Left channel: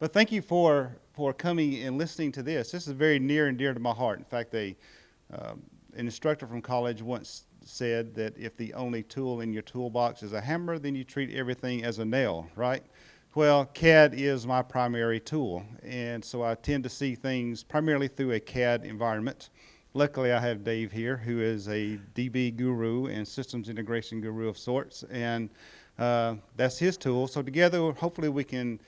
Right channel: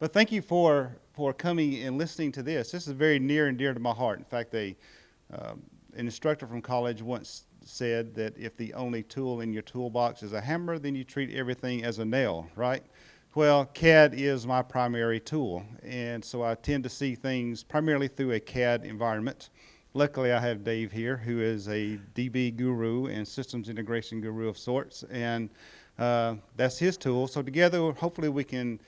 But thank you for coming and listening to this. This is very near and dear to my heart. In fact, an instructor from college once said that if the only tool in your toolbox is a hammer, then you treat everything as a nail, right? Well, CAD is my primary tool, and so I tend to see things primarily through a CAD environment. Luckily, I have Dave here, who is a DB guru and systems integration guru of sorts, and that's his tool. So together, hopefully we can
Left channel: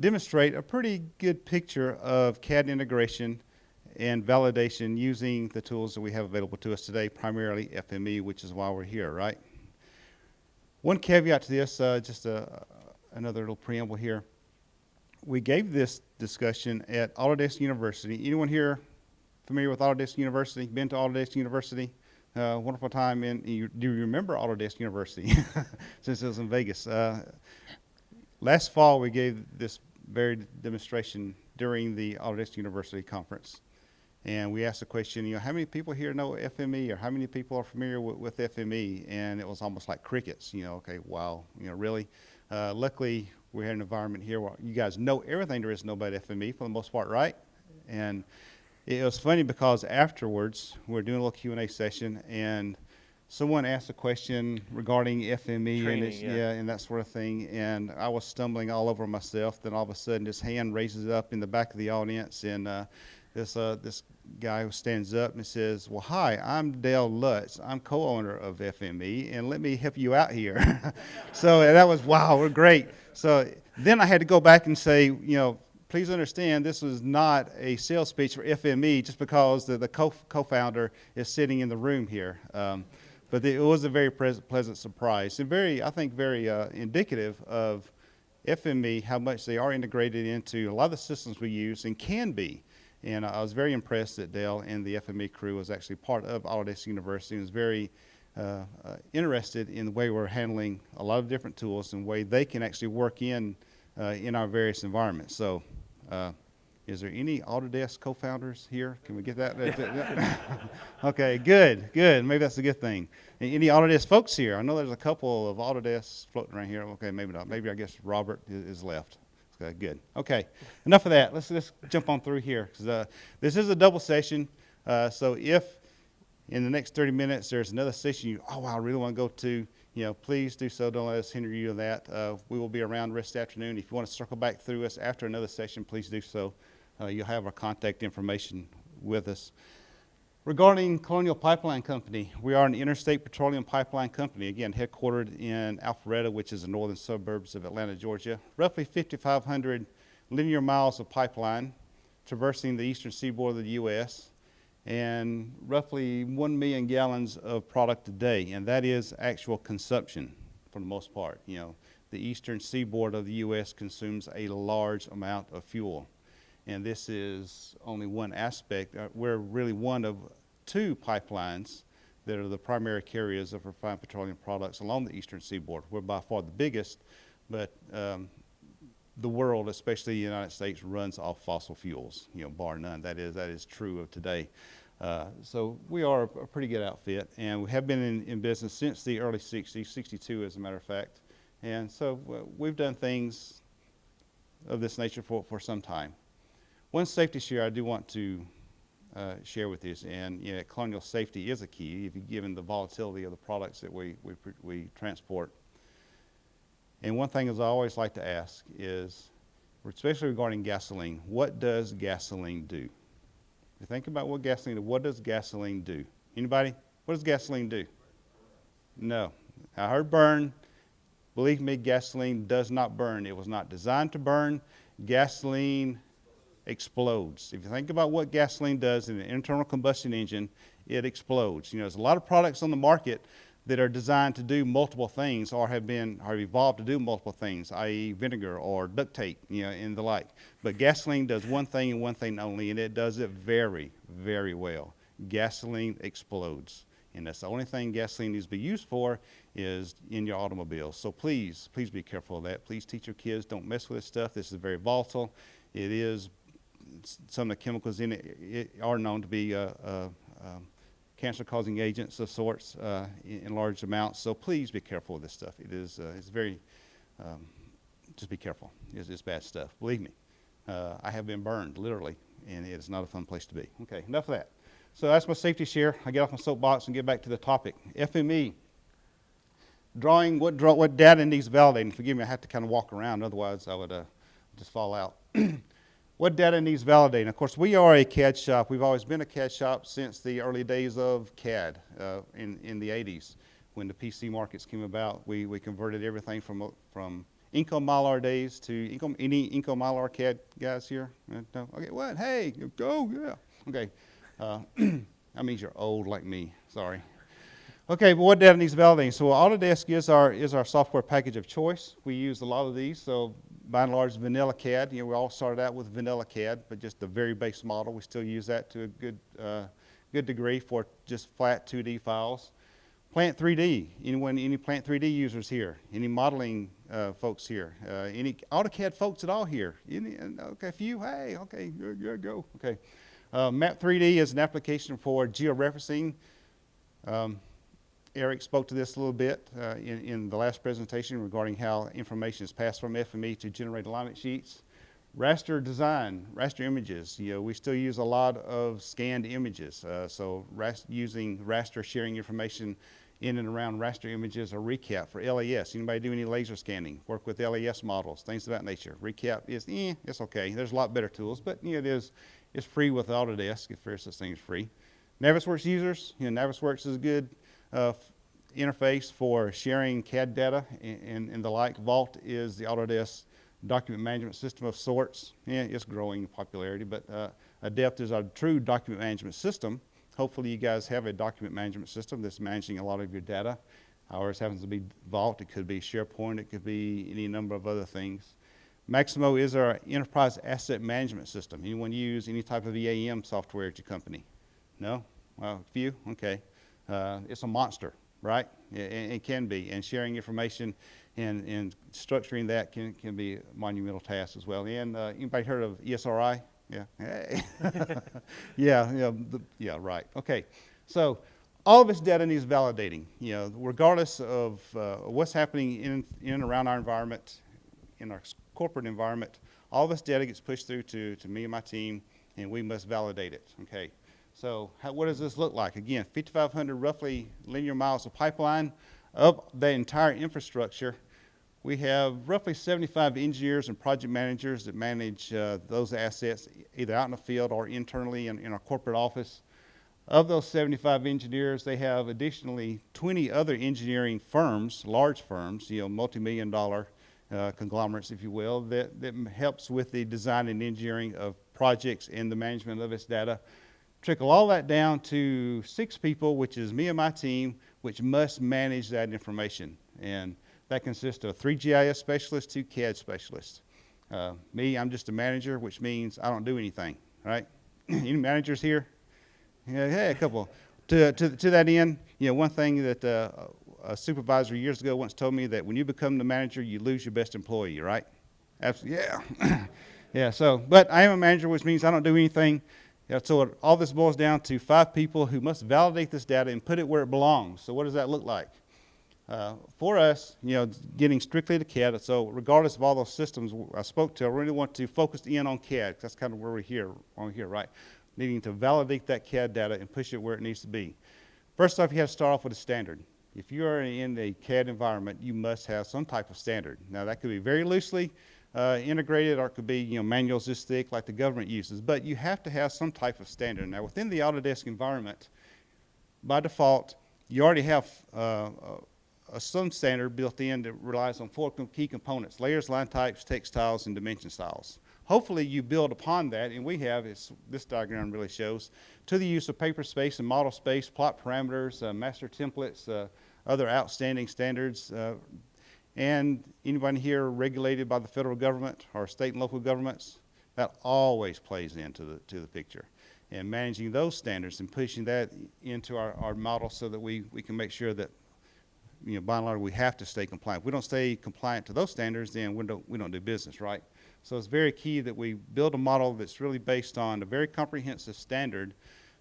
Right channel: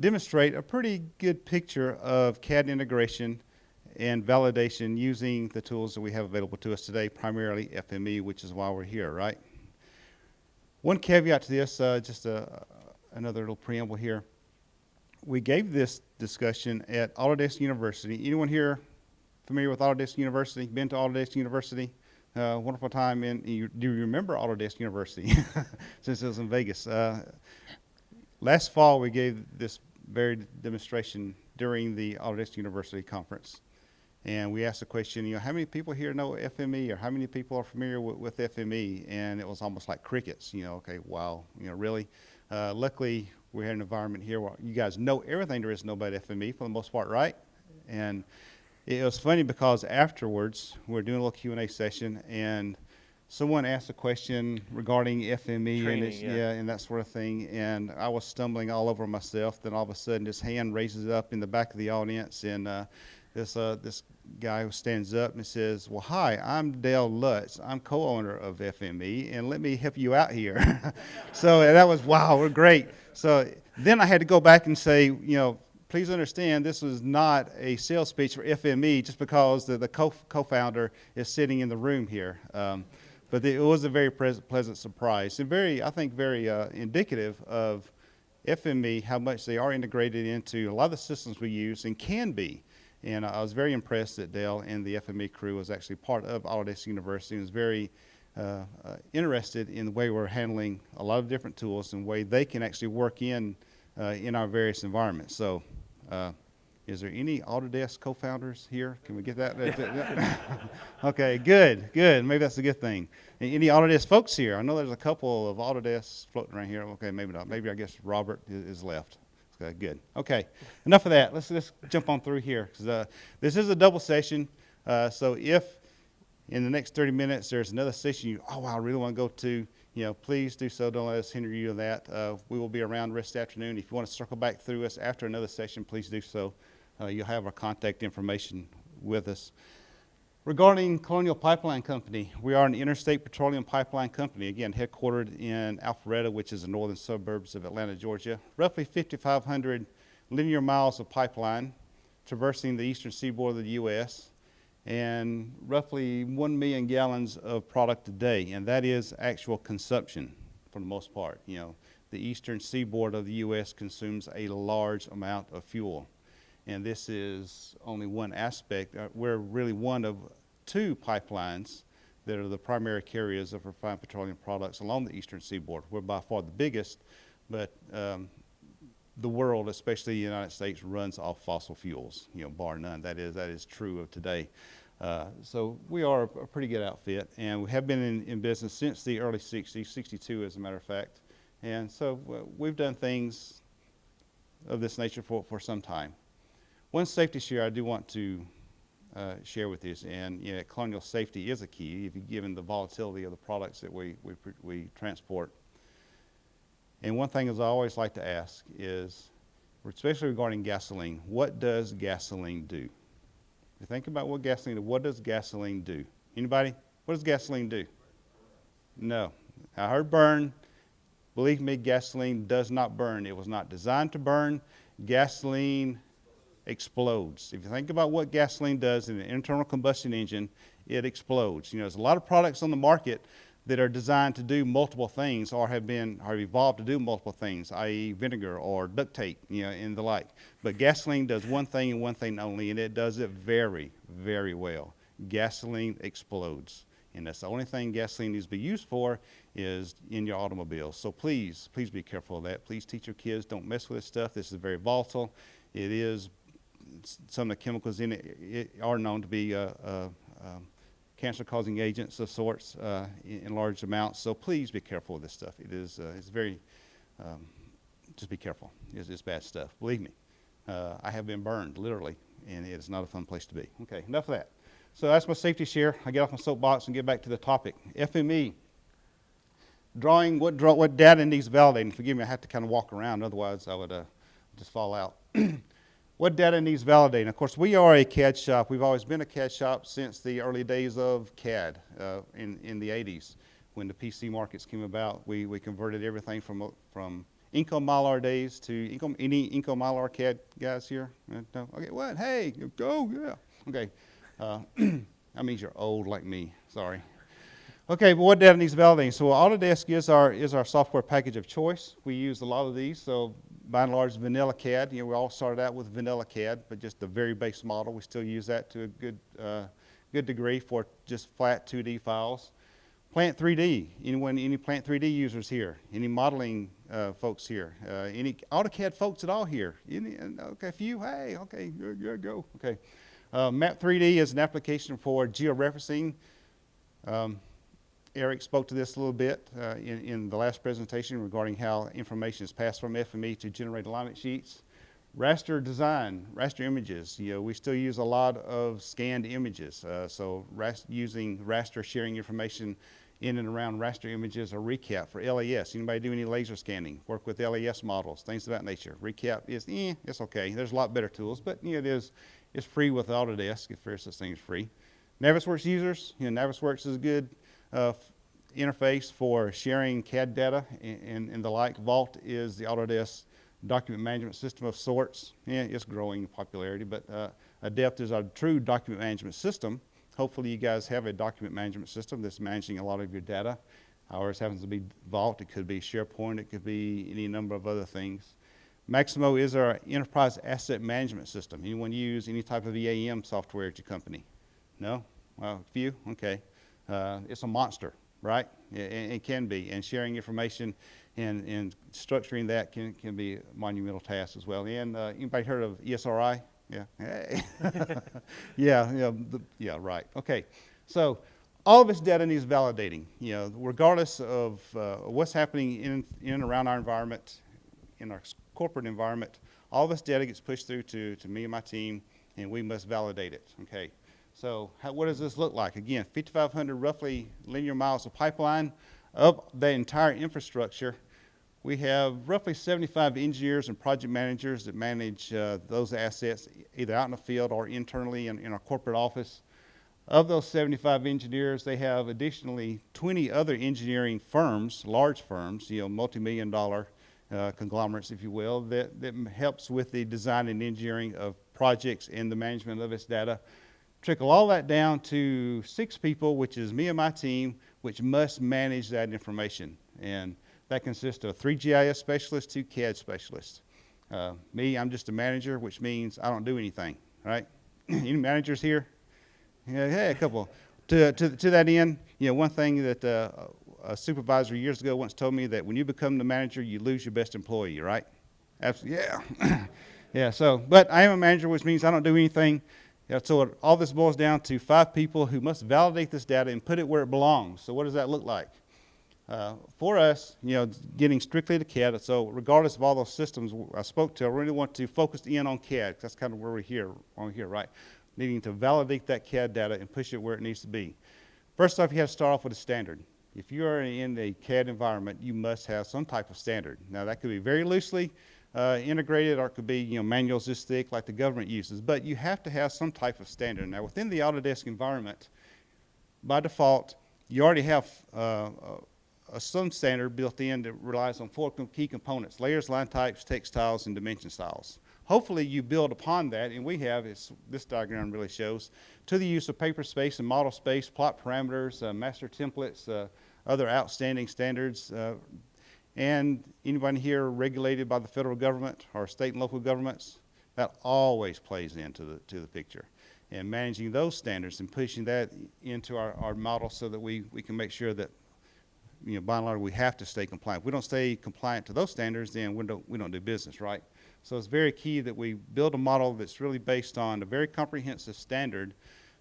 demonstrate a pretty good picture of CAD integration and validation using the tools that we have available to us today, primarily FME, which is why we're here, right? One caveat to this, another little preamble here. We gave this discussion at Autodesk University. Anyone here familiar with Autodesk University? Been to Autodesk University? Wonderful time. Do you remember Autodesk University? Since it was in Vegas. Last fall, we gave this very demonstration during the Autodesk University conference. And we asked the question, how many people here know FME, or how many people are familiar with FME? And it was almost like crickets, okay, wow, really? Luckily, we had an environment here where you guys know everything there is to know about FME for the most part, right? And it was funny because afterwards, we were doing a little Q&A session, and someone asked a question regarding FME Training, and that sort of thing, and I was stumbling all over myself. Then all of a sudden, this hand raises up in the back of the audience, and this guy who stands up and says, "Well, hi, I'm Dale Lutz. I'm co-owner of FME, and let me help you out here." So that was, wow, we're great. So then I had to go back and say, please understand this was not a sales speech for FME just because the co-founder is sitting in the room here. But it was a very pleasant surprise, and I think very indicative of FME, how much they are integrated into a lot of the systems we use and can be. And I was very impressed that Dale and the FME crew was actually part of Autodesk University and was very interested in the way we're handling a lot of different tools and the way they can actually work in our various environments. So is there any Autodesk co-founders here? Can we get that? Okay, good. Maybe that's a good thing. Any Autodesk folks here? I know there's a couple of Autodesk floating around here. Okay, maybe not. Maybe I guess Robert is left. Okay, good. Okay, enough of that. Let's jump on through here. This is a double session. So if in the next 30 minutes there's another session I really want to go to, please do so. Don't let us hinder you of that. We will be around the rest of the afternoon. If you want to circle back through us after another session, please do so. You'll have our contact information with us. Regarding Colonial Pipeline Company, we are an interstate petroleum pipeline company, again, headquartered in Alpharetta, which is the northern suburbs of Atlanta, Georgia. Roughly 5,500 linear miles of pipeline traversing the eastern seaboard of the U.S., and roughly 1 million gallons of product a day, and that is actual consumption for the most part. The eastern seaboard of the U.S. consumes a large amount of fuel. And this is only one aspect. We're really one of two pipelines that are the primary carriers of refined petroleum products along the eastern seaboard. We're by far the biggest, but the world, especially the United States, runs off fossil fuels, bar none. That is true of today. So we are a pretty good outfit, and we have been in business since the early 60s, 62 as a matter of fact. And so we've done things of this nature for some time. One safety share I do want to share with you, and Colonial safety is a key, given the volatility of the products that we transport. And one thing is I always like to ask is, especially regarding gasoline, what does gasoline do? If you think about what does gasoline do? Anybody? What does gasoline do? No. I heard burn. Believe me, gasoline does not burn. It was not designed to burn. Gasoline explodes. If you think about what gasoline does in an internal combustion engine, it explodes. There's a lot of products on the market that are designed to do multiple things or have evolved to do multiple things, i.e. vinegar or duct tape, and the like. But gasoline does one thing and one thing only, and it does it very, very well. Gasoline explodes. And that's the only thing gasoline needs to be used for is in your automobile. So please be careful of that. Please teach your kids, don't mess with this stuff. This is very volatile. It is, some of the chemicals in it are known to be cancer-causing agents of sorts in large amounts. So please be careful with this stuff. It's very, just be careful. It's bad stuff, believe me. I have been burned, literally, and it is not a fun place to be. Okay, enough of that. So that's my safety share. I get off my soapbox and get back to the topic. FME, drawing, what data needs validating. Forgive me, I have to kind of walk around, otherwise I would just fall out. What data needs validating? Of course, we are a CAD shop. We've always been a CAD shop since the early days of CAD in the 80s. When the PC markets came about, we converted everything from Inco Mylar days to any Inco Mylar CAD guys here? No? Okay, what? Hey, go, yeah. Okay, that means you're old like me, sorry. Okay, but what data needs validating? So Autodesk is our software package of choice. We use a lot of these, so by and large vanilla CAD. You know, we all started out with vanilla CAD, but just the very base model. We still use that to a good degree for just flat 2D files. Plant 3D, any Plant 3D users here? Any modeling folks here? Any AutoCAD folks at all here? Okay, a few, hey, okay, good, go. Okay. Map 3D is an application for georeferencing. Eric spoke to this a little bit in the last presentation regarding how information is passed from FME to generate alignment sheets. Raster design, raster images. You know, we still use a lot of scanned images. So using raster, sharing information in and around raster images or recap for LAS. Anybody do any laser scanning? Work with LAS models, things of that nature. Recap is, it's okay. There's a lot better tools, but you know, it's free with Autodesk if there's such thing as free. Navisworks users, you know, Navisworks is a good interface for sharing CAD data and the like. Vault is the Autodesk document management system of sorts. Yeah, it's growing in popularity, but Adept is our true document management system. Hopefully you guys have a document management system that's managing a lot of your data. Ours happens to be Vault. It could be SharePoint. It could be any number of other things. Maximo is our enterprise asset management system. Anyone use any type of EAM software at your company? No? Well, a few? Okay. It's a monster, right? It can be. And sharing information and structuring that can be a monumental task as well. And anybody heard of ESRI? Yeah. Hey. Yeah, right. Okay. So all of this data needs validating. You know, regardless of what's happening in and around our environment, in our corporate environment, all this data gets pushed through to me and my team, and we must validate it. Okay. So what does this look like? Again, 5,500 roughly linear miles of pipeline. Of the entire infrastructure, we have roughly 75 engineers and project managers that manage those assets either out in the field or internally in our corporate office. Of those 75 engineers, they have additionally 20 other engineering firms, large firms, you know, multi-million dollar conglomerates, if you will, that helps with the design and engineering of projects and the management of its data. Trickle all that down to 6 people, which is me and my team, which must manage that information. And that consists of 3 GIS specialists, 2 CAD specialists. Me, I'm just a manager, which means I don't do anything, right? Any managers here? Yeah, hey, a couple. To that end, you know, one thing that a supervisor years ago once told me that when you become the manager, you lose your best employee, right? Absolutely, yeah. Yeah, so, but I am a manager, which means I don't do anything. Yeah, so all this boils down to 5 people who must validate this data and put it where it belongs. So what does that look like? For us, you know, getting strictly to CAD, so regardless of all those systems I spoke to, I really want to focus in on CAD, because that's kind of where we're here, right? Needing to validate that CAD data and push it where it needs to be. First off, you have to start off with a standard. If you are in a CAD environment, you must have some type of standard. Now, that could be very loosely integrated, or it could be, you know, manuals this thick like the government uses, but you have to have some type of standard. Now, within the Autodesk environment, by default, you already have some standard built in that relies on 4 key components: layers, line types, text styles, and dimension styles. Hopefully you build upon that, and we have, this diagram really shows, to the use of paper space and model space, plot parameters, master templates, other outstanding standards, and anybody here regulated by the federal government or state and local governments, that always plays into the picture. And managing those standards and pushing that into our model so that we can make sure that, you know, by and large, we have to stay compliant. If we don't stay compliant to those standards, then we don't do business, right? So it's very key that we build a model that's really based on a very comprehensive standard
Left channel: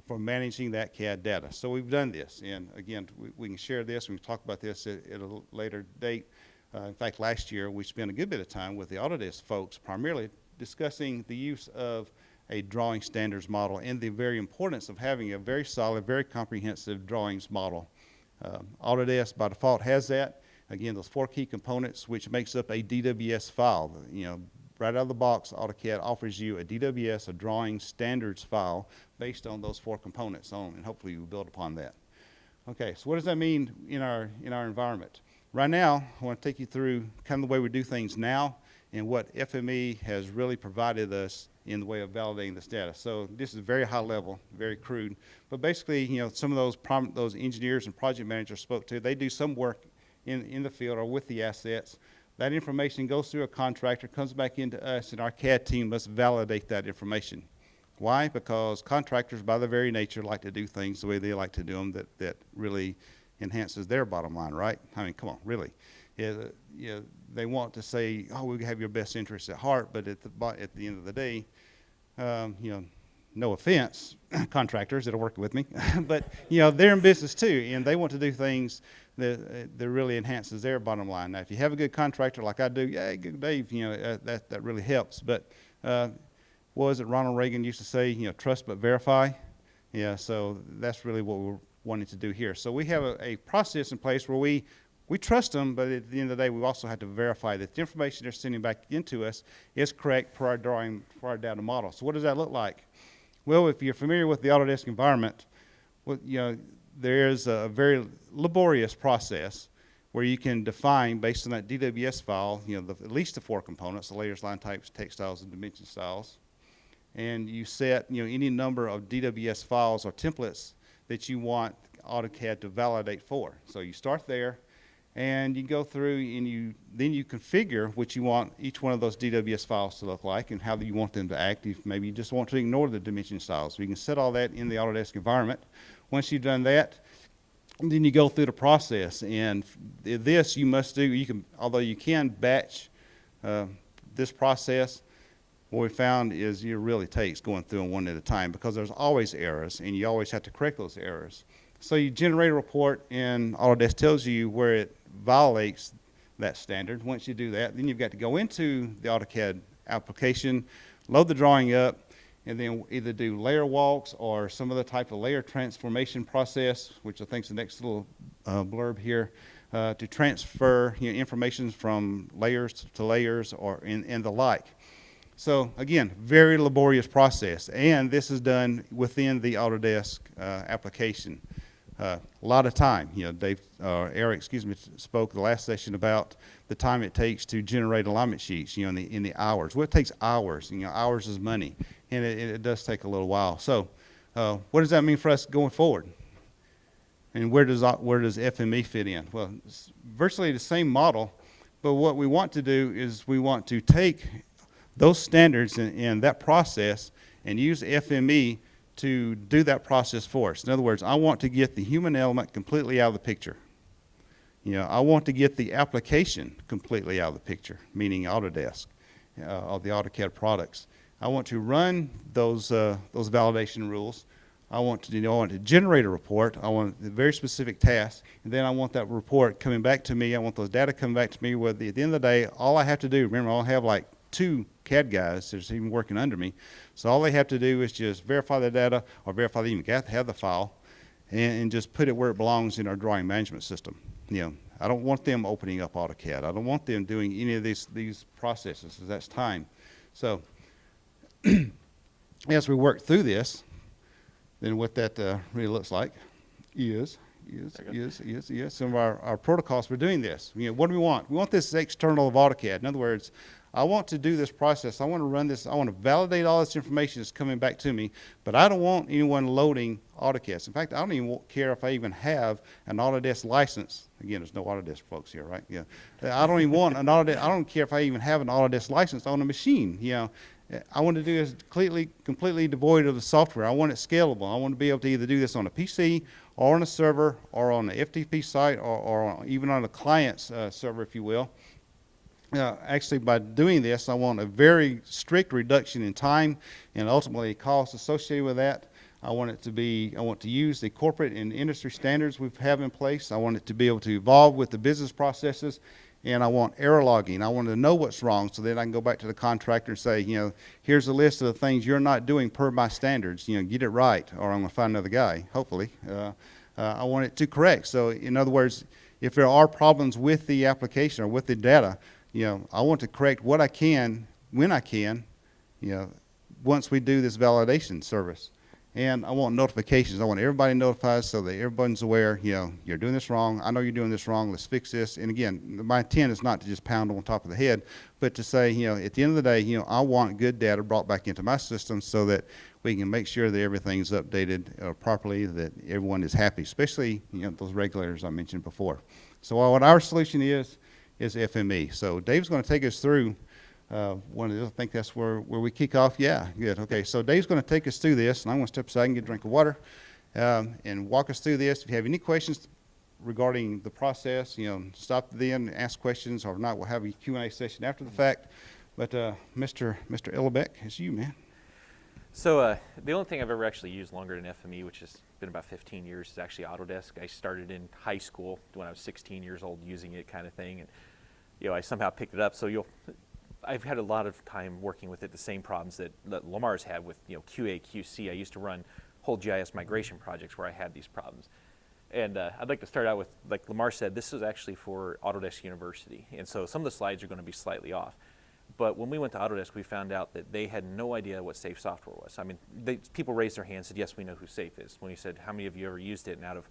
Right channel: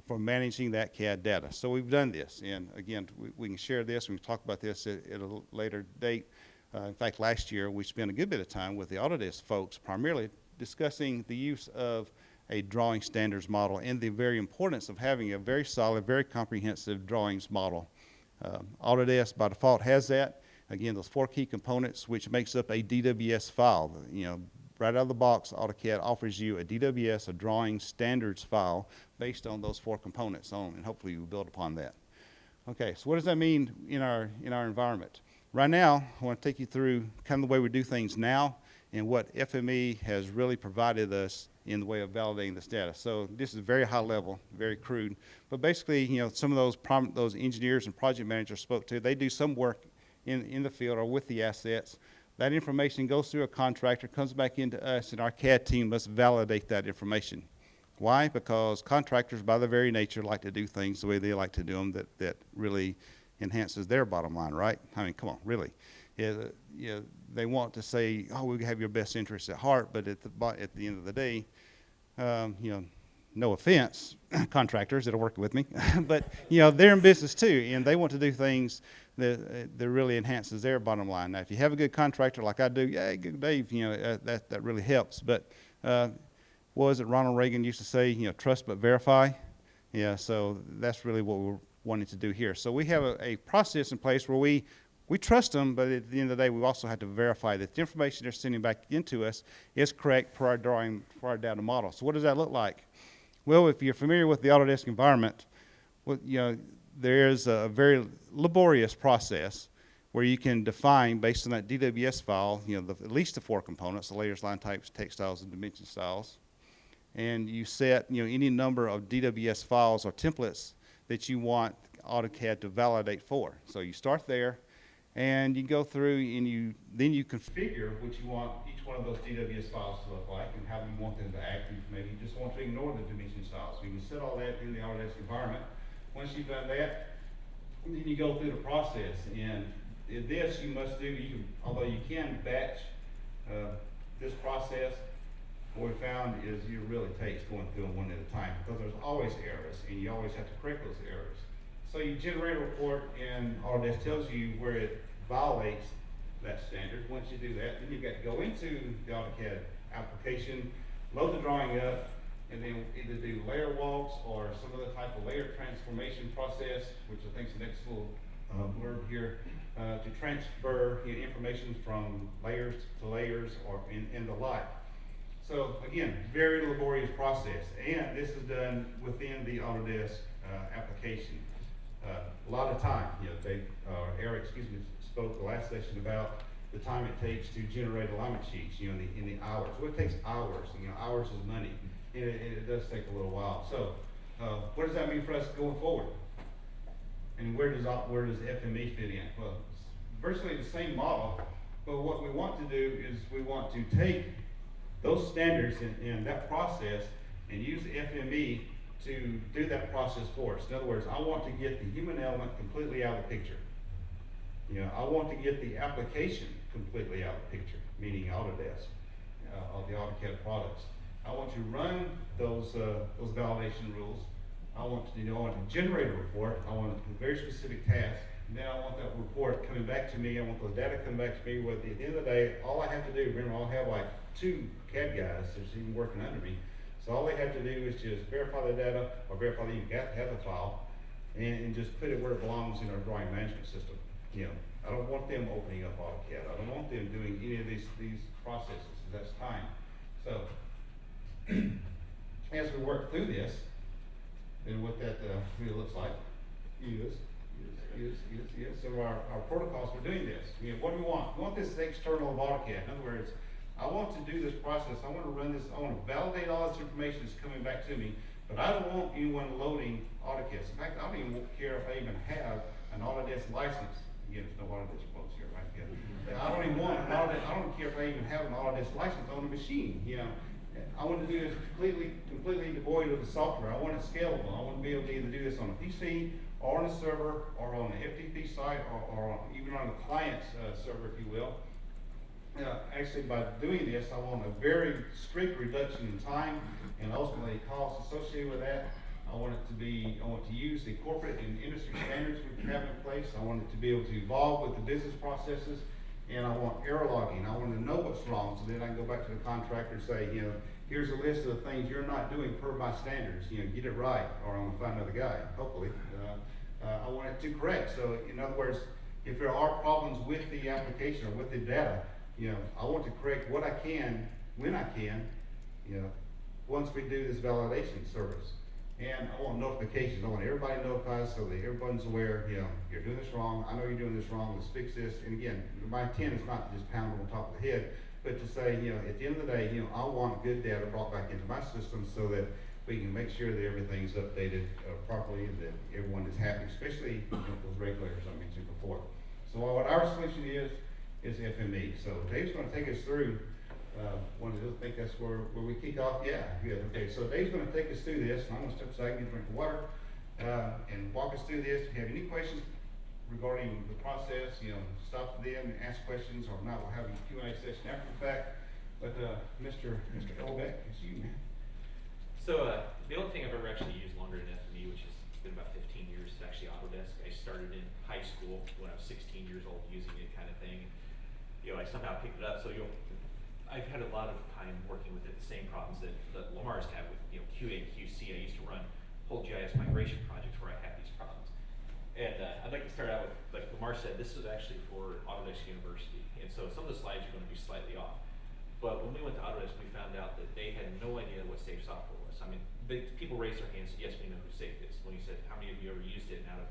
for managing that CAD data. So we've done this, and again, we can share this, we can talk about this at a later date. In fact, last year we spent a good bit of time with the Autodesk folks, primarily discussing the use of a drawing standards model and the very importance of having a very solid, very comprehensive drawings model. Autodesk by default has that. Again, those 4 key components, which makes up a DWS file. You know, right out of the box, AutoCAD offers you a DWS, a drawing standards file, based on those 4 components on, and hopefully you build upon that. Okay, so what does that mean in our environment? Right now, I want to take you through kind of the way we do things now and what FME has really provided us in the way of validating this data. So this is very high level, very crude, but basically, you know, some of those engineers and project managers spoke to, they do some work in the field or with the assets. That information goes through a contractor, comes back into us, and our CAD team must validate that information. Why? Because contractors, by their very nature, like to do things the way they like to do them that really enhances their bottom line, right? I mean, come on, really. Yeah, they want to say, oh, we have your best interests at heart, but at the end of the day, you know, no offense, contractors that are working with me, but, you know, they're in business too, and they want to do things that really enhances their bottom line. Now, if you have a good contractor like I do, yeah, good Dave, you know, that really helps. But what was it Ronald Reagan used to say, you know, trust but verify? Yeah, so that's really what we're wanting to do here. So we have a process in place where we trust them, but at the end of the day, we also have to verify that the information they're sending back into us is correct for our data model. So what does that look like? Well, if you're familiar with the Autodesk environment, well, you know, there's a very laborious process where you can define, based on that DWS file, you know, at least the 4 components, the layers, line types, text styles, and dimension styles. And you set, you know, any number of DWS files or templates that you want AutoCAD to validate for. So you start there, and you go through and then you configure what you want each one of those DWS files to look like and how you want them to act. If maybe you just want to ignore the dimension styles. So you can set all that in the Autodesk environment. Once you've done that, then you go through the process. And this you must do, although you can batch this process, what we found is it really takes going through them one at a time because there's always errors and you always have to correct those errors. So you generate a report and Autodesk tells you where it violates that standard. Once you do that, then you've got to go into the AutoCAD application, load the drawing up, and then either do layer walks or some other type of layer transformation process, which I think is the next little blurb here, to transfer, you know, information from layers to layers or and the like. So again, very laborious process, and this is done within the Autodesk application. A lot of time, you know, Eric, spoke the last session about the time it takes to generate alignment sheets, you know, in the hours. Well, it takes hours, you know, hours is money, and it does take a little while. So what does that mean for us going forward? And where does FME fit in? Well, it's virtually the same model, but what we want to do is we want to take those standards and that process and use FME to do that process for us. In other words, I want to get the human element completely out of the picture. You know, I want to get the application completely out of the picture, meaning Autodesk, of the AutoCAD products. I want to run those validation rules. I want to generate a report. I want a very specific task. And then I want that report coming back to me. I want those data coming back to me where at the end of the day, all I have to do, remember, I'll have like 2 CAD guys that's even working under me. So all they have to do is just verify the data or verify they even have the file and just put it where it belongs in our drawing management system. You know, I don't want them opening up AutoCAD. I don't want them doing any of these processes. That's time. So as we work through this, then what that really looks like is some of our protocols for doing this. You know, what do we want? We want this external of AutoCAD. In other words, I want to do this process. I want to run this. I want to validate all this information that's coming back to me, but I don't want anyone loading AutoCAD. In fact, I don't even care if I even have an Autodesk license. Again, there's no Autodesk folks here, right? Yeah. I don't even want an Autodesk. I don't care if I even have an Autodesk license on a machine. You know, I want to do this completely devoid of the software. I want it scalable. I want to be able to either do this on a PC or on a server or on an FTP site or even on a client's server, if you will. Actually, by doing this, I want a very strict reduction in time and ultimately costs associated with that. I want to use the corporate and industry standards we have in place. I want it to be able to evolve with the business processes. and I want error logging. I want to know what's wrong, so then I can go back to the contractor and say, here's a list of the things you're not doing per my standards. Get it right, or I'm going to find another guy, hopefully. I want it to correct. So in other words, if there are problems with the application or with the data, I want to correct what I can, when I can, once we do this validation service. And I want notifications. I want everybody notified so that everyone's aware, you're doing this wrong. I know you're doing this wrong. Let's fix this. And again, my intent is not to just pound on top of the head, but to say, at the end of the day, I want good data brought back into my system so that we can make sure that everything's updated properly, that everyone is happy, especially those regulators I mentioned before. So what our solution is FME. So Dave's going to take us through one of these. I think that's where we kick off. Yeah, good. Okay, so Dave's going to take us through this, and I'm going to step aside and get a drink of water and walk us through this. If you have any questions regarding the process, stop then, ask questions, or if not, we'll have a Q&A session after the fact. But Mr. Ellebeck, it's you, man. So the only thing I've ever actually used longer than FME, which has been about 15 years, is actually Autodesk. I started in high school when I was 16 years old using it, kind of thing, and I somehow picked it up. So I've had a lot of time working with it, the same problems that Lamar's had with QA, QC. I used to run whole GIS migration projects where I had these problems. And I'd like to start out with, like Lamar said, this is actually for Autodesk University. And so some of the slides are going to be slightly off. But when we went to Autodesk, we found out that they had no idea what safe software was. I mean, people raised their hands and said, yes, we know who safe is. When he said, how many of you ever used it? And out of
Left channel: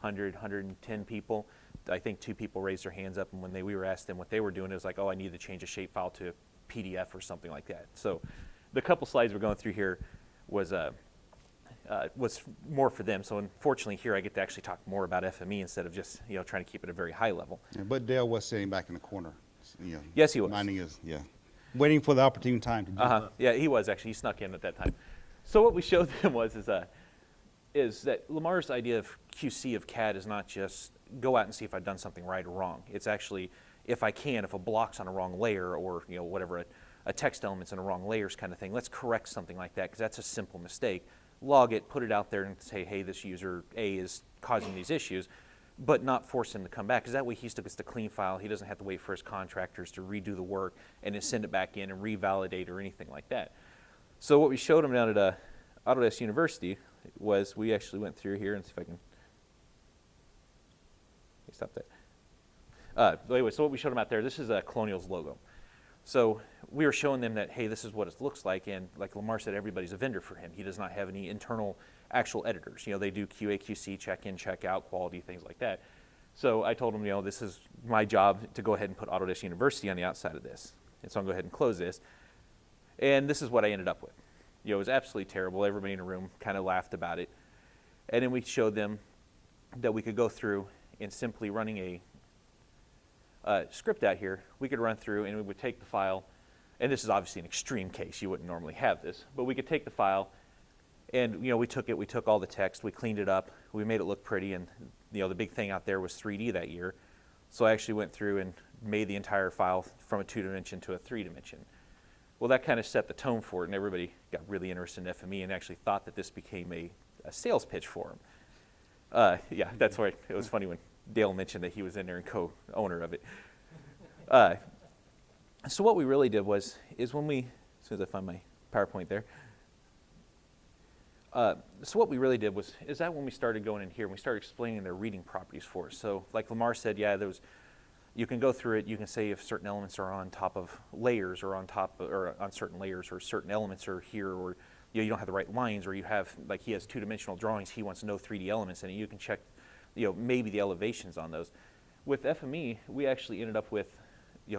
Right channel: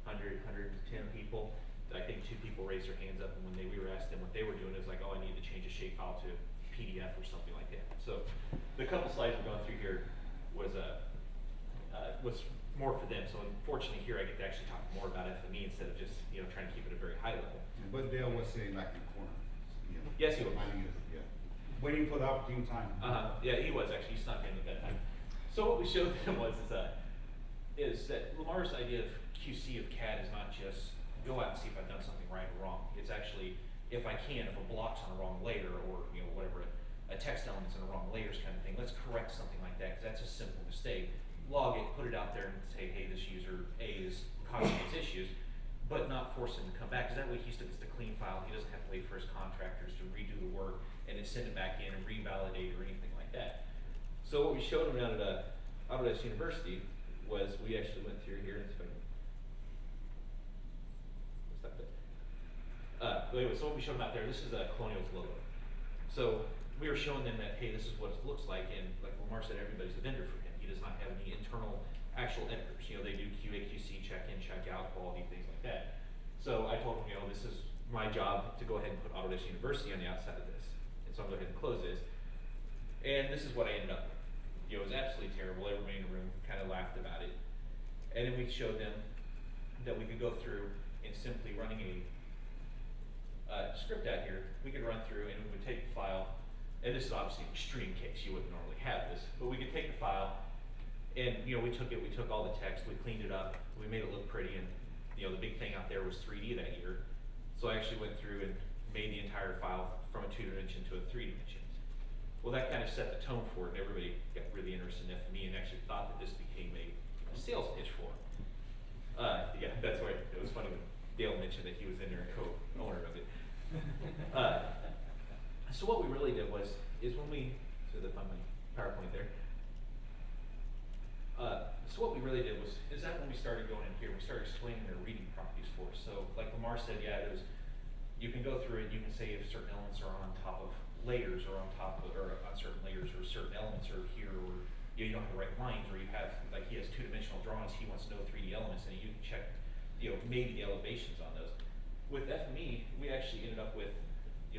100, 110 people, I think 2 people raised their hands up, and when we were asked them what they were doing, it was like, oh, I needed to change a shapefile to a PDF or something like that. So the couple slides we're going through here was more for them. So unfortunately here I get to actually talk more about FME instead of just trying to keep it at a very high level. Yeah, but Dale was sitting back in the corner. Yes, he was. Reminding us, waiting for the opportune time. Yeah, he was actually. He snuck in at that time. So what we showed them is that Lamar's idea of QC of CAD is not just go out and see if I've done something right or wrong. It's actually if a block's on a wrong layer or whatever, a text element's in a wrong layers kind of thing, let's correct something like that because that's a simple mistake. Log it, put it out there and say, hey, this user A is causing these issues, but not force him to come back because that way he still gets the clean file. He doesn't have to wait for his contractors to redo the work and then send it back in and revalidate or anything like that. So what we showed him down at Autodesk University was we actually went through here and see if I can stop that. Anyway, so what we showed them out there, this is Colonial's logo. So we were showing them that, hey, this is what it looks like, and like Lamar said, everybody's a vendor for him. He does not have any internal actual editors. They do QA, QC, check in, check out, quality, things like that. So I told him, this is my job to go ahead and put Autodesk University on the outside of this. And so I'm going to go ahead and close this. And this is what I ended up with. It was absolutely terrible. Everybody in the room kind of laughed about it. And then we showed them that we could go through and simply running a script out here, we could run through and we would take the file, and this is obviously an extreme case, you wouldn't normally have this, but we could take the file and we took all the text, we cleaned it up, we made it look pretty, and the big thing out there was 3D that year. So I actually went through and made the entire file from a 2-dimension to a 3-dimension. Well, that kind of set the tone for it, and everybody got really interested in FME and actually thought that this became a sales pitch for them. Yeah, that's why it was funny when Dale mentioned that he was in there and co-owner of it. So what we really did as soon as I find my PowerPoint there, so what we really did is that when we started going in here, we started explaining their reading properties for us. So like Lamar said, you can go through it, you can say if certain elements are on top of layers or on certain layers, or certain elements are here, or you don't have the right lines, or you have, like he has 2-dimensional drawings, he wants no 3D elements in it, you can check maybe the elevations on those. With FME, we actually ended up with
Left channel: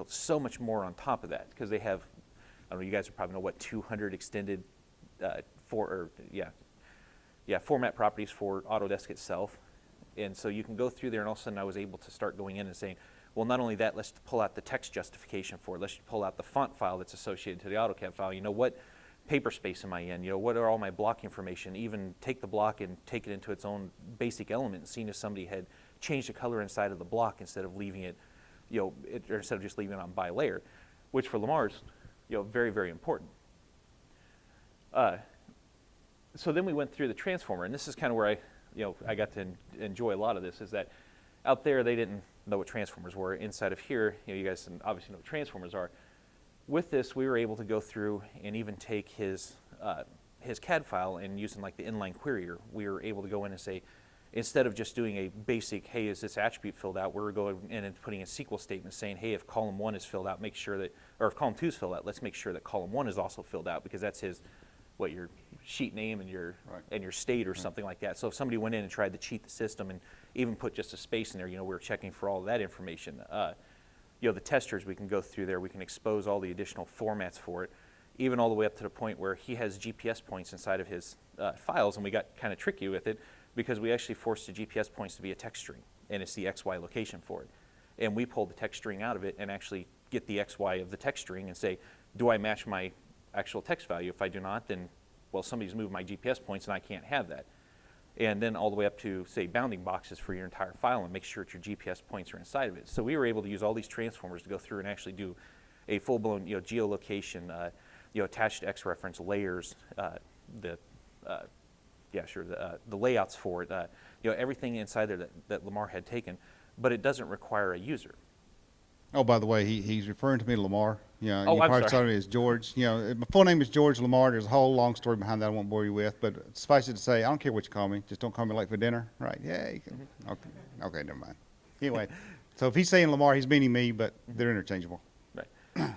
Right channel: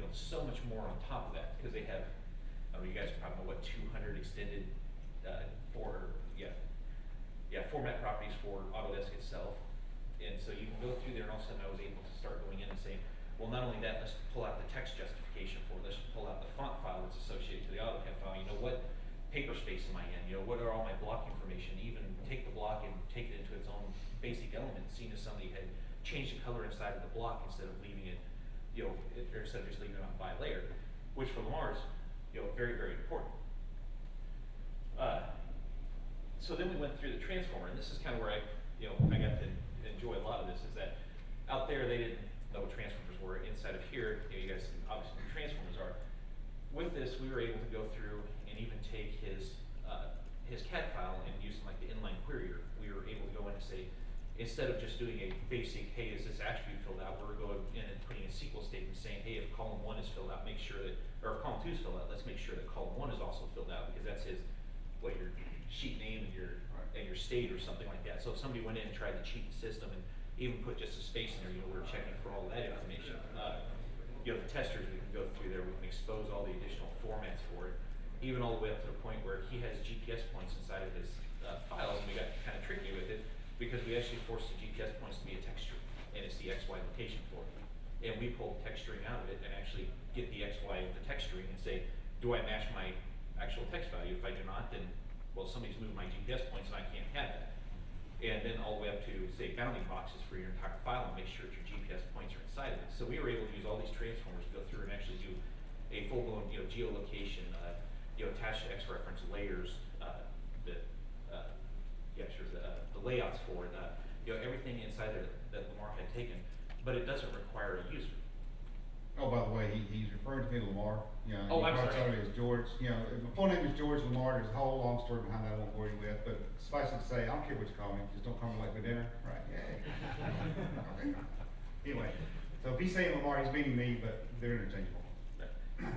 so much more on top of that because they have, I don't know, you guys probably know what 200 extended format properties for Autodesk itself. And so you can go through there, and all of a sudden I was able to start going in and saying, well, not only that, let's pull out the text justification for it. Let's pull out the font file that's associated to the AutoCAD file. What paper space am I in? What are all my block information? Even take the block and take it into its own basic element and seeing if somebody had changed the color inside of the block instead of leaving it, or instead of just leaving it on by layer, which for Lamar's, very, very important. So then we went through the transformer, and this is kind of where I got to enjoy a lot of this, is that out there they didn't know what transformers were. Inside of here, you guys obviously know what transformers are. With this, we were able to go through and even take his CAD file and using like the inline querier, we were able to go in and say, instead of just doing a basic, hey, is this attribute filled out, we're going in and putting a SQL statement saying, hey, if column 1 is filled out, make sure that, or if column 2 is filled out, let's make sure that column 1 is also filled out, because that's his, your sheet name and your state or something like that. So if somebody went in and tried to cheat the system and even put just a space in there, we were checking for all of that information. The testers, we can go through there, we can expose all the additional formats for it, even all the way up to the point where he has GPS points inside of his files, and we got kind of tricky with it because we actually forced the GPS points to be a text string, and it's the XY location for it. And we pulled the text string out of it and actually get the XY of the text string and say, do I match my actual text value? If I do not, then, well, somebody's moved my GPS points and I can't have that. And then all the way up to, say, bounding boxes for your entire file and make sure that your GPS points are inside of it. So we were able to use all these transformers to go through and actually do a full-blown geolocation, attached X reference layers, the layouts for it, everything inside of it that Lamar had taken, but it doesn't require a user. Oh, by the way, he's referring to me to Lamar. Oh, you I'm probably sorry. saw me as George. My full name is George Lamar. There's a whole long story behind that I won't bore you with, but suffice it to say, I don't care what you call me. Just don't call me late for dinner. Right, yay. Okay, never mind. Anyway, so if he's saying Lamar, he's meaning me, but they're interchangeable. Right.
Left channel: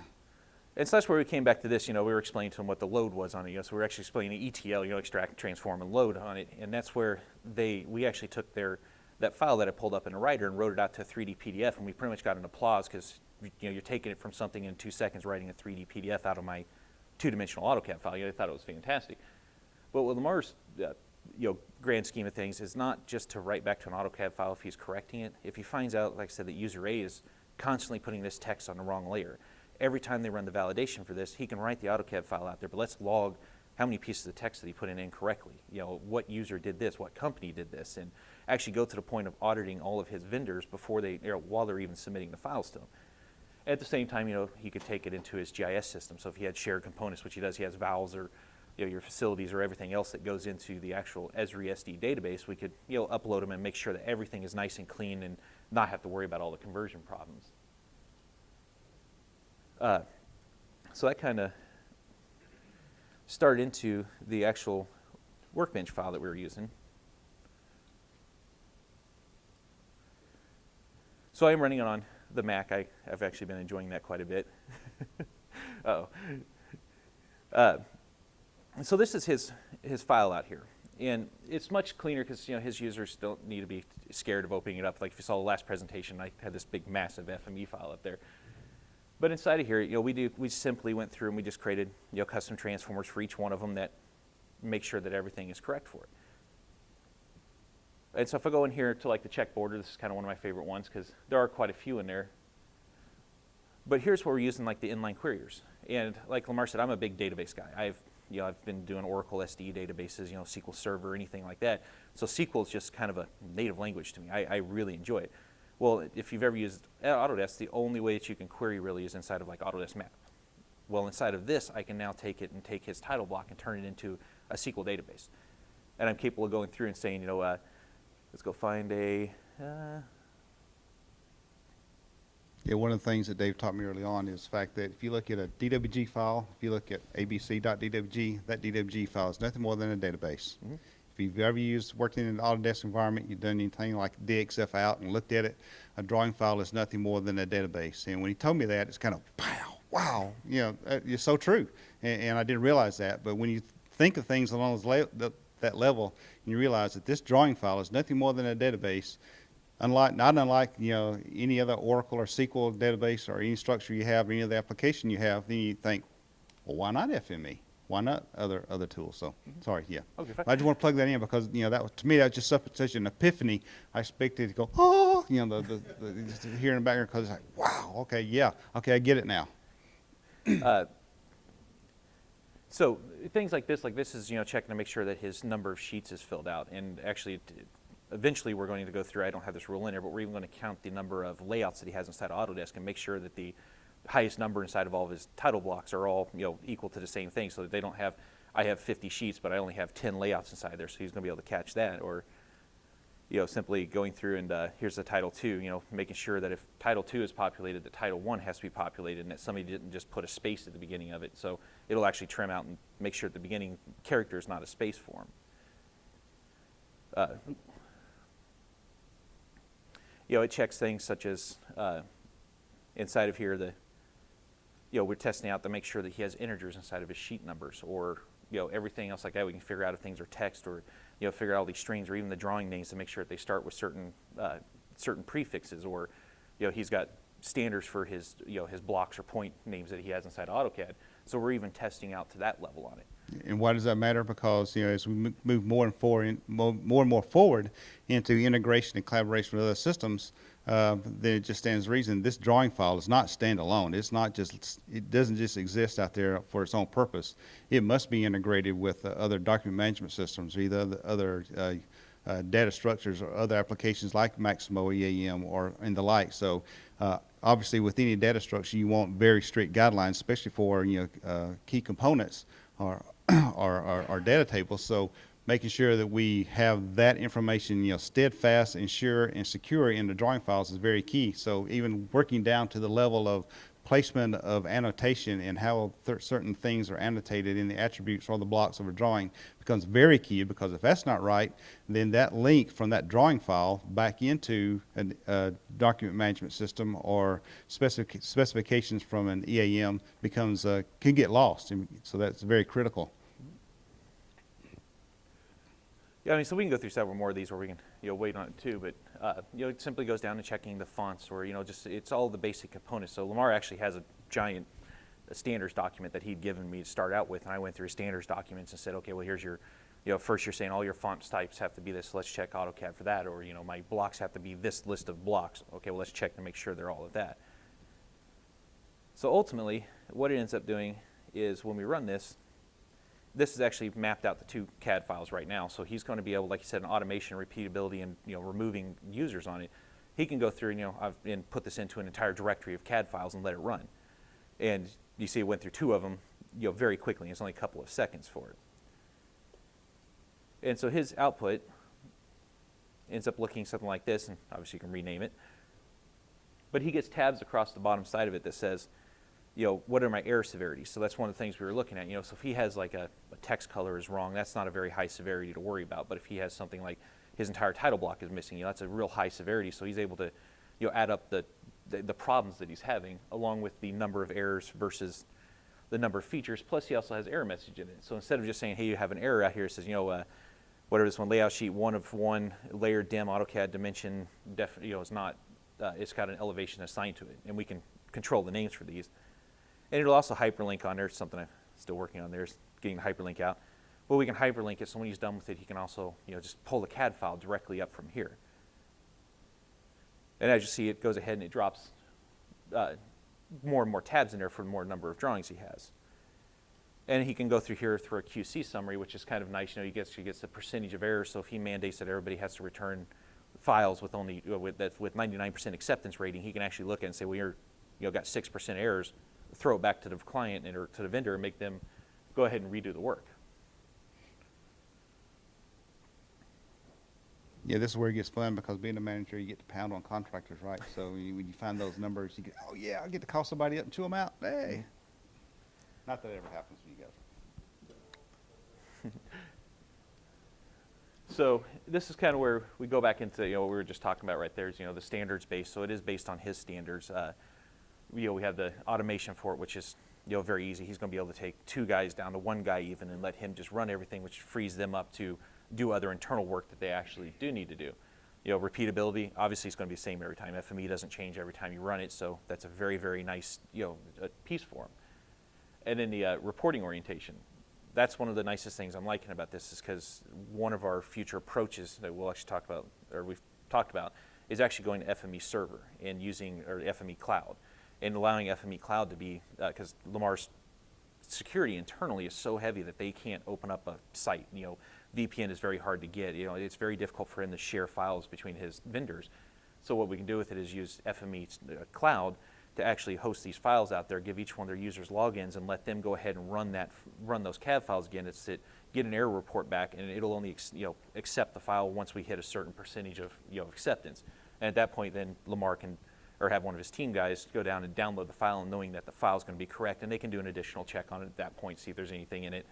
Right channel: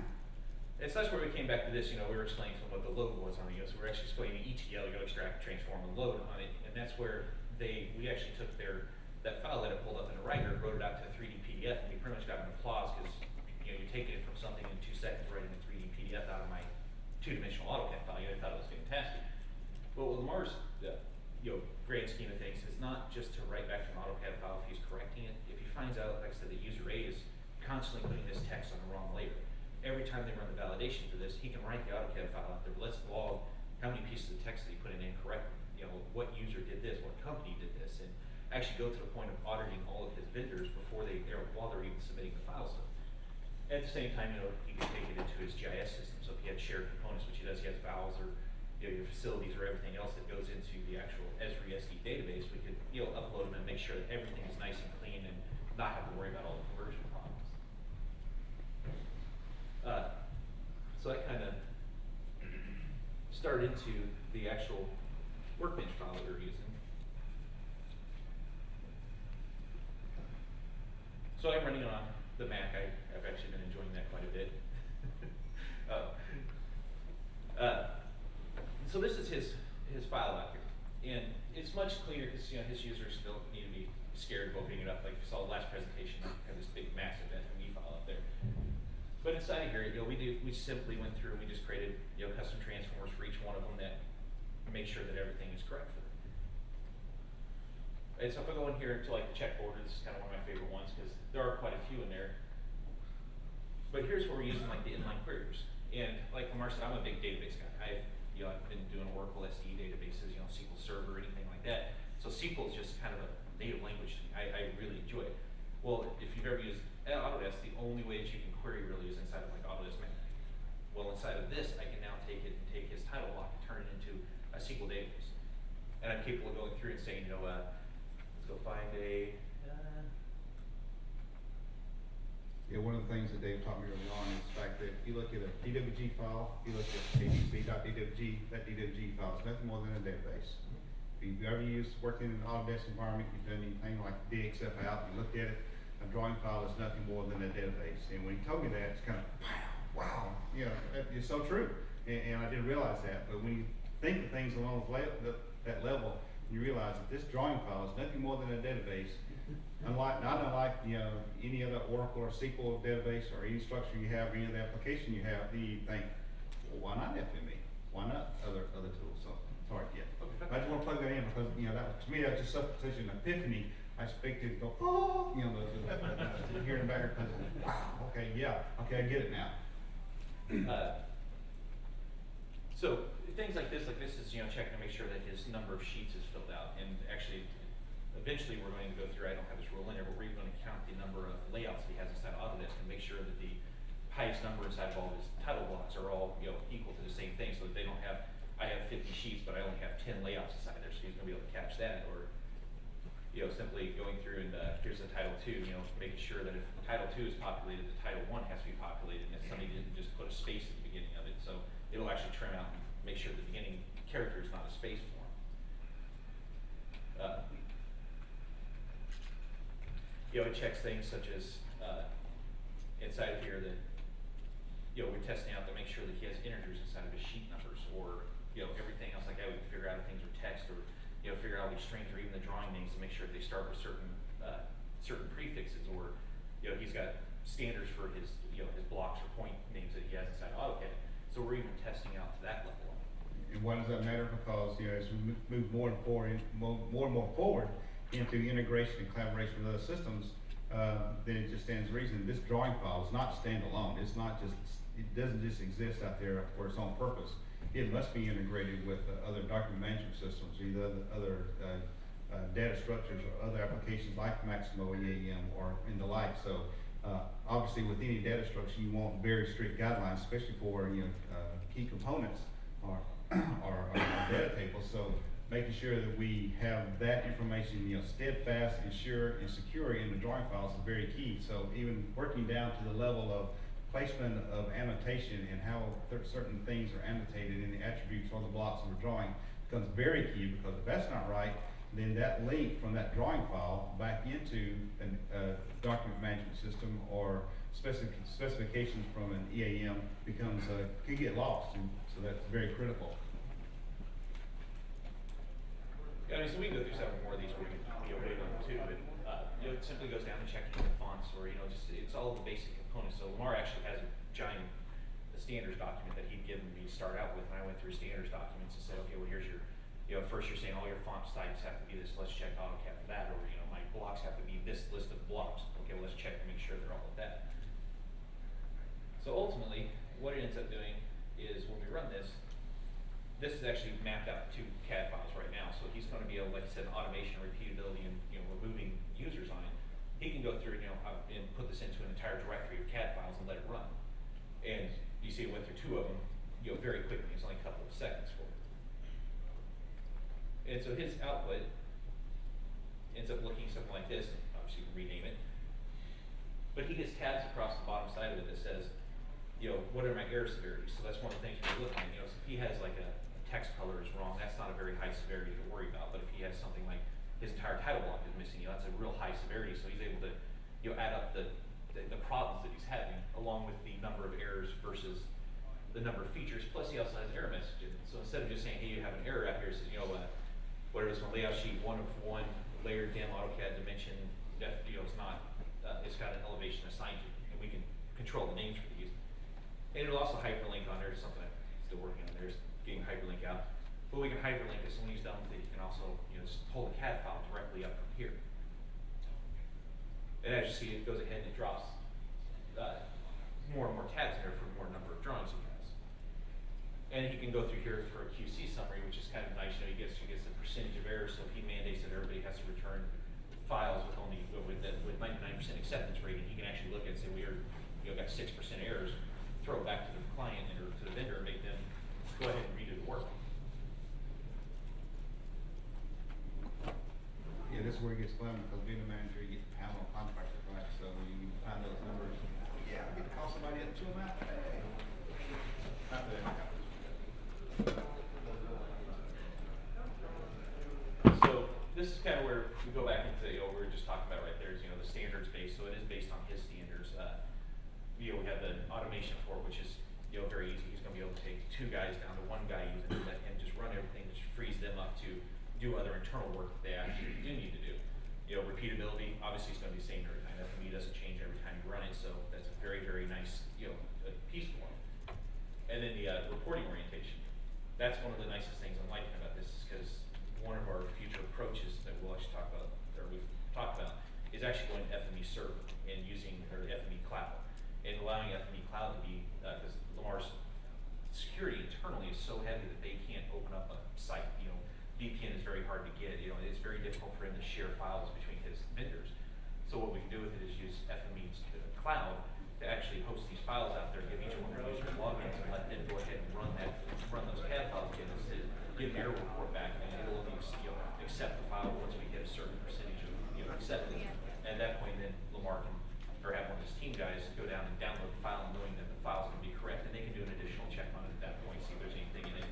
And so that's where we came back to this. We were explaining to them what the load was on it. So we were actually explaining ETL, extract, transform, and load on it. And that's where we actually took that file that I pulled up in the writer and wrote it out to a 3D PDF, and we pretty much got an applause because you're taking it from something in 2 seconds, writing a 3D PDF out of my two-dimensional AutoCAD file. They thought it was fantastic. But with Lamar's grand scheme of things, is not just to write back to an AutoCAD file if he's correcting it. If he finds out, like I said, that user A is constantly putting this text on the wrong layer, every time they run the validation for this, he can write the AutoCAD file out there, but let's log how many pieces of text that he put in incorrectly. What user did this, what company did this, and actually go to the point of auditing all of his vendors while they're even submitting the files to him. At the same time, he could take it into his GIS system. So if he had shared components, which he does, he has valves or your facilities or everything else that goes into the actual Esri SD database, we could upload them and make sure that everything is nice and clean and not have to worry about all the conversion problems. So that kind of started into the actual workbench file that we were using. So I'm running on the Mac. I've actually been enjoying that quite a bit. So this is his file out here. And it's much cleaner because his users don't need to be scared of opening it up. Like if you saw the last presentation, I had this big massive FME file up there. But inside of here, we simply went through and we just created custom transformers for each one of them that make sure that everything is correct for it. And so if I go in here to like the check border, this is kind of one of my favorite ones because there are quite a few in there. But here's where we're using like the inline queries. And like Lamar said, I'm a big database guy. I've been doing Oracle SD databases, SQL Server, anything like that. So SQL is just kind of a native language to me. I really enjoy it. Well, if you've ever used Autodesk, the only way that you can query really is inside of like Autodesk Map. Well, inside of this, I can now take it and take his title block and turn it into a SQL database. And I'm capable of going through and saying, let's go find a... Yeah, one of the things that Dave taught me early on is the fact that if you look at a DWG file, if you look at abc.dwg, that DWG file is nothing more than a database. Mm-hmm. If you've ever worked in an Autodesk environment, you've done anything like DXF out and looked at it, a drawing file is nothing more than a database. And when he told me that, it's kind of, wow, it's so true. And I didn't realize that. But when you think of things along that level, you realize that this drawing file is nothing more than a database. Not unlike any other Oracle or SQL database or any structure you have, or any other application you have, then you think, well, why not FME? Why not other tools? So sorry, yeah. Okay, fine. I just want to plug that in because that was, to me, that was just such an epiphany. I expected to go, oh, just hear in the background because it's like, wow, okay, yeah, okay, I get it now. So things like this is checking to make sure that his number of sheets is filled out. And actually, eventually we're going to go through, I don't have this rule in there, but we're even going to count the number of layouts that he has inside of Autodesk and make sure that the highest number inside of all of his title blocks are all equal to the same thing, so that they don't have, I have 50 sheets, but I only have 10 layouts inside there, so he's going to be able to catch that. Or simply going through and here's the Title II, making sure that if Title II is populated, the Title I has to be populated, and that somebody didn't just put a space at the beginning of it. So it'll actually trim out and make sure at the beginning character is not a space form. It checks things such as inside of here, we're testing out to make sure that he has integers inside of his sheet numbers, or everything else like that. We can figure out if things are text, or figure out all these strings, or even the drawing names to make sure that they start with certain prefixes, or he's got standards for his his blocks or point names that he has inside AutoCAD. So we're even testing out to that level on it. And why does that matter? Because as we move more and more forward into integration and collaboration with other systems, then it just stands to reason this drawing file is not standalone. It doesn't just exist out there for its own purpose. It must be integrated with other document management systems, either other data structures or other applications like Maximo EAM or and the like. So obviously with any data structure, you want very strict guidelines, especially for key components or data tables. So making sure that we have that information steadfast and sure and secure in the drawing files is very key. So even working down to the level of placement of annotation and how certain things are annotated in the attributes or the blocks of a drawing becomes very key, because if that's not right, then that link from that drawing file back into a document management system or specifications from an EAM becomes can get lost, and so that's very critical. Yeah, so we can go through several more of these, or we can wait on it too. But it simply goes down to checking the fonts, or just it's all the basic components. So Lamar actually has a giant standards document that he'd given me to start out with, and I went through standards documents and said, okay, well here's your, first you're saying all your font types have to be this. Let's check AutoCAD for that, or my blocks have to be this list of blocks. Okay, well let's check to make sure they're all of that. So ultimately, what it ends up doing is when we run this. This is actually mapped out the two CAD files right now, so he's going to be able, like you said, an automation, repeatability, and removing users on it. He can go through and put this into an entire directory of CAD files and let it run. And you see, it went through two of them, very quickly. It's only a couple of seconds for it. And so his output ends up looking something like this, and obviously you can rename it. But he gets tabs across the bottom side of it that says, what are my error severities? So that's one of the things we were looking at. So if he has like a text color is wrong, that's not a very high severity to worry about. But if he has something like his entire title block is missing, that's a real high severity. So he's able to, add up the problems that he's having, along with the number of errors versus the number of features. Plus, he also has error message in it. So instead of just saying, hey, you have an error out here, it says, whatever this one, layout sheet 1 of 1, layer dim, AutoCAD dimension, is not, it's got an elevation assigned to it, and we can control the names for these. And it'll also hyperlink on there. Something I'm still working on there is getting the hyperlink out. But we can hyperlink it, so when he's done with it, he can also just pull the CAD file directly up from here. And as you see, it goes ahead and it drops more and more tabs in there for the more number of drawings he has. And he can go through here for a QC summary, which is kind of nice. He gets the percentage of errors. So if he mandates that everybody has to return files with only with 99% acceptance rating, he can actually look at it and say, well, you're got 6% errors. Throw it back to the client or to the vendor and make them go ahead and redo the work. Yeah, this is where it gets fun, because being a manager, you get to pound on contractors, right? So when you find those numbers, you get, oh yeah, I get to call somebody up and chew them out. Hey, not that it happens. So this is kind of where we go back into what we were just talking about right there. Is the standards base. So it is based on his standards. We have the automation for it, which is very easy. He's going to be able to take 2 guys down to 1 guy even, and let him just run everything, which frees them up to do other internal work that they actually do need to do. Repeatability, obviously it's going to be the same every time. FME doesn't change every time you run it, so that's a very, very nice a piece for him. And then the reporting orientation. That's one of the nicest things I'm liking about this, is because one of our future approaches that we'll actually talk about, or we've talked about, is actually going to FME server and using, or FME cloud. And allowing FME Cloud to be, because Lamar's security internally is so heavy that they can't open up a site. VPN is very hard to get. It's very difficult for him to share files between his vendors. So what we can do with it is use FME Cloud to actually host these files out there, give each one their users logins, and let them go ahead and run those CAD files again. get an error report back, and it'll only accept the file once we hit a certain percentage of acceptance. And at that point, then Lamar can, or have one of his team guys go down and download the file, knowing that the file's going to be correct, and they can do an additional check on it at that point, see if there's anything in it.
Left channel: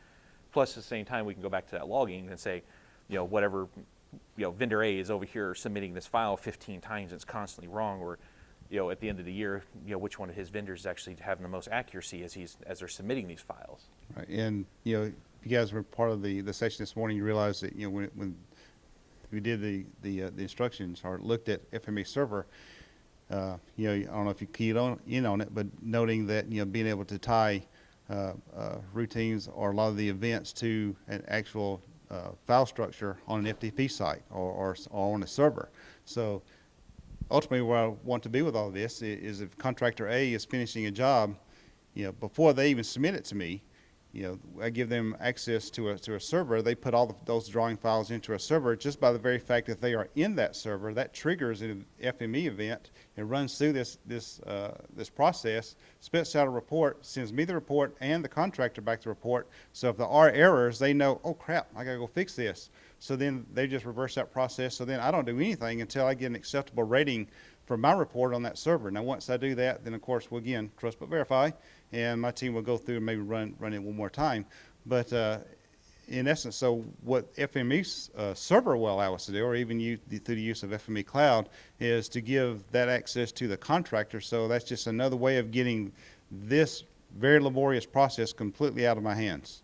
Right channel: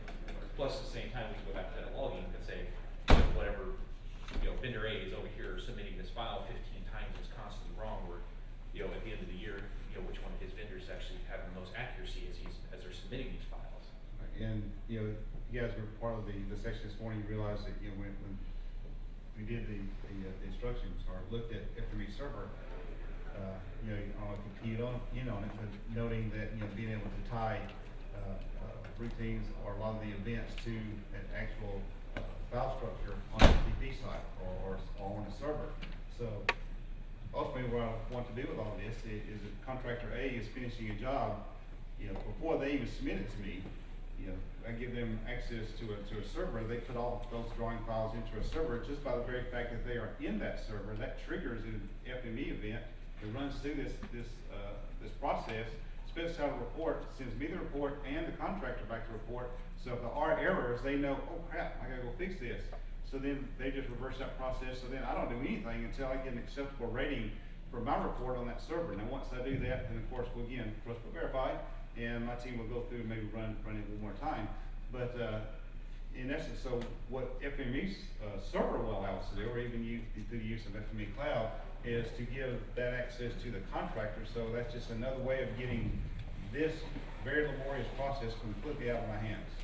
Plus, at the same time, we can go back to that logging and say, whatever, vendor A is over here submitting this file 15 times, it's constantly wrong, or at the end of the year, which one of his vendors is actually having the most accuracy as they're submitting these files. Right. And if you guys were part of the session this morning, you realize that when we did the instructions or looked at FME server, I don't know if you keyed in on it, but noting that being able to tie routines or a lot of the events to an actual file structure on an FTP site or on a server. So ultimately, where I want to be with all of this is if contractor A is finishing a job, before they even submit it to me, I give them access to a server. They put all those drawing files into a server. Just by the very fact that they are in that server, that triggers an FME event. It runs through this process, spits out a report, sends me the report and the contractor back the report. So if there are errors, they know, oh crap, I gotta go fix this. So then they just reverse that process. So then I don't do anything until I get an acceptable rating for my report on that server. Now once I do that, then of course we'll again trust but verify, and my team will go through and maybe run it one more time. But in essence, so what FME server will allow us to do, or even through the use of FME Cloud, is to give that access to the contractor. So that's just another way of getting this very laborious process completely out of my hands,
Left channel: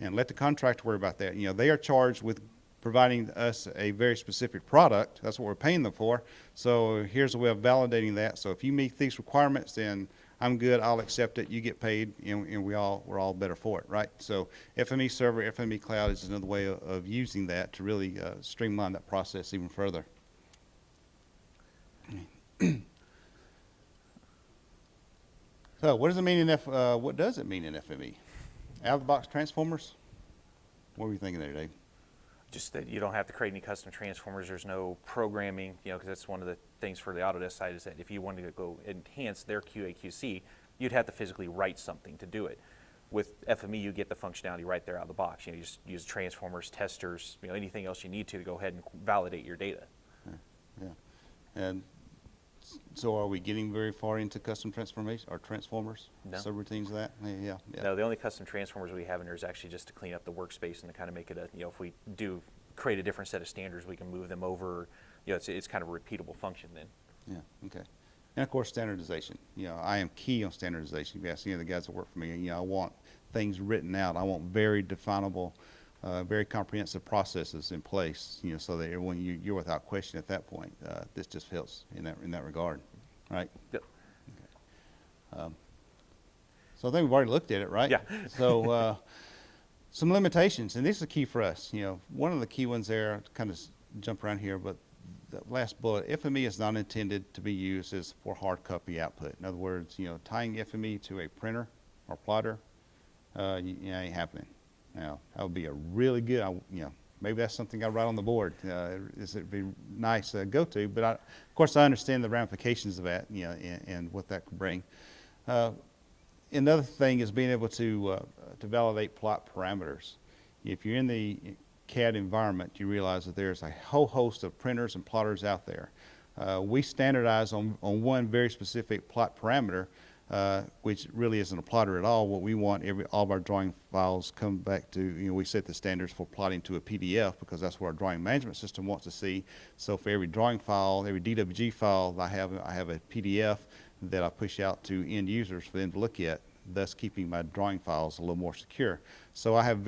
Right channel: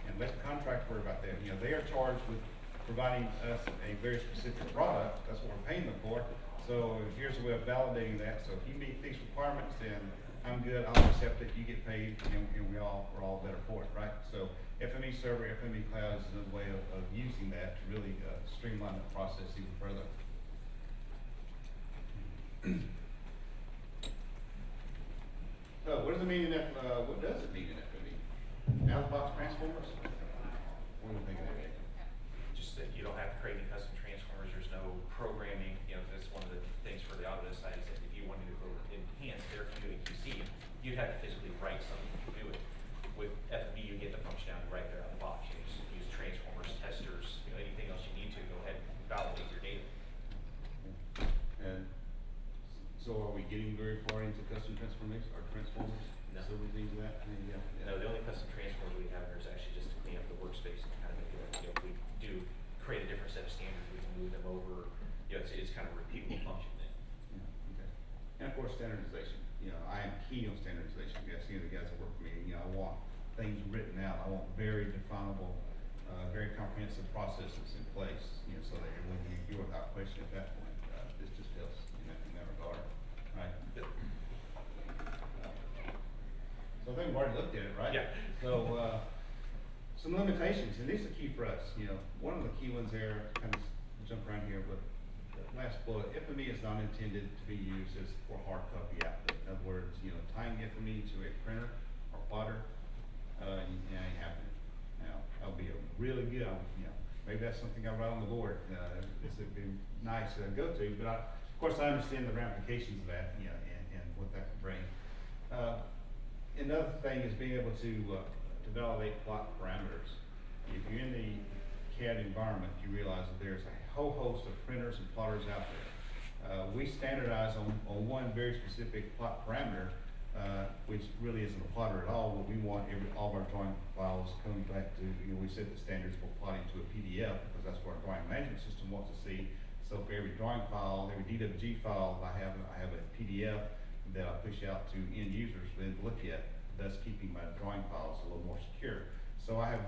and let the contractor worry about that. They are charged with providing us a very specific product. That's what we're paying them for. So here's a way of validating that. So if you meet these requirements, then I'm good, I'll accept it, you get paid, and we're all better for it, right? So FME server, FME cloud is another way of using that to really streamline that process even further. So what does it mean in FME? Out of the box transformers? What were you thinking there, Dave? Just that you don't have to create any custom transformers. There's no programming, because that's one of the things for the Autodesk side, is that if you wanted to go enhance their QA/QC, you'd have to physically write something to do it. With FME, you get the functionality right there out of the box. You just use transformers, testers, anything else you need to go ahead and validate your data. Yeah. And so are we getting very far into custom transformers or transformers? No. Subroutines of that? Yeah. No, the only custom transformers we have in there is actually just to clean up the workspace and to kind of make it if we do create a different set of standards, we can move them over. It's kind of a repeatable function then. Yeah, okay. And of course, standardization. I am key on standardization. If you ask any of the guys that work for me, I want things written out. I want very definable, very comprehensive processes in place, so that everyone, you're without question at that point. This just helps in that regard, right? Yep. So I think we've already looked at it, right? Yeah. So some limitations, and these are key for us. One of the key ones there, kind of jump around here, but the last bullet, FME is not intended to be used as for hard copy output. In other words, tying FME to a printer or plotter, ain't happening. Now, that would be a really good, maybe that's something I write on the board. This would be nice go-to, but of course I understand the ramifications of that, and what that could bring. Another thing is being able to validate plot parameters. If you're in the CAD environment, you realize that there's a whole host of printers and plotters out there. We standardize on one very specific plot parameter, which really isn't a plotter at all. What we want, all of our drawing files come back to, we set the standards for plotting to a PDF, because that's what our drawing management system wants to see. So for every drawing file, every DWG file, I have a PDF that I push out to end users for them to look at, thus keeping my drawing files a little more secure. So I have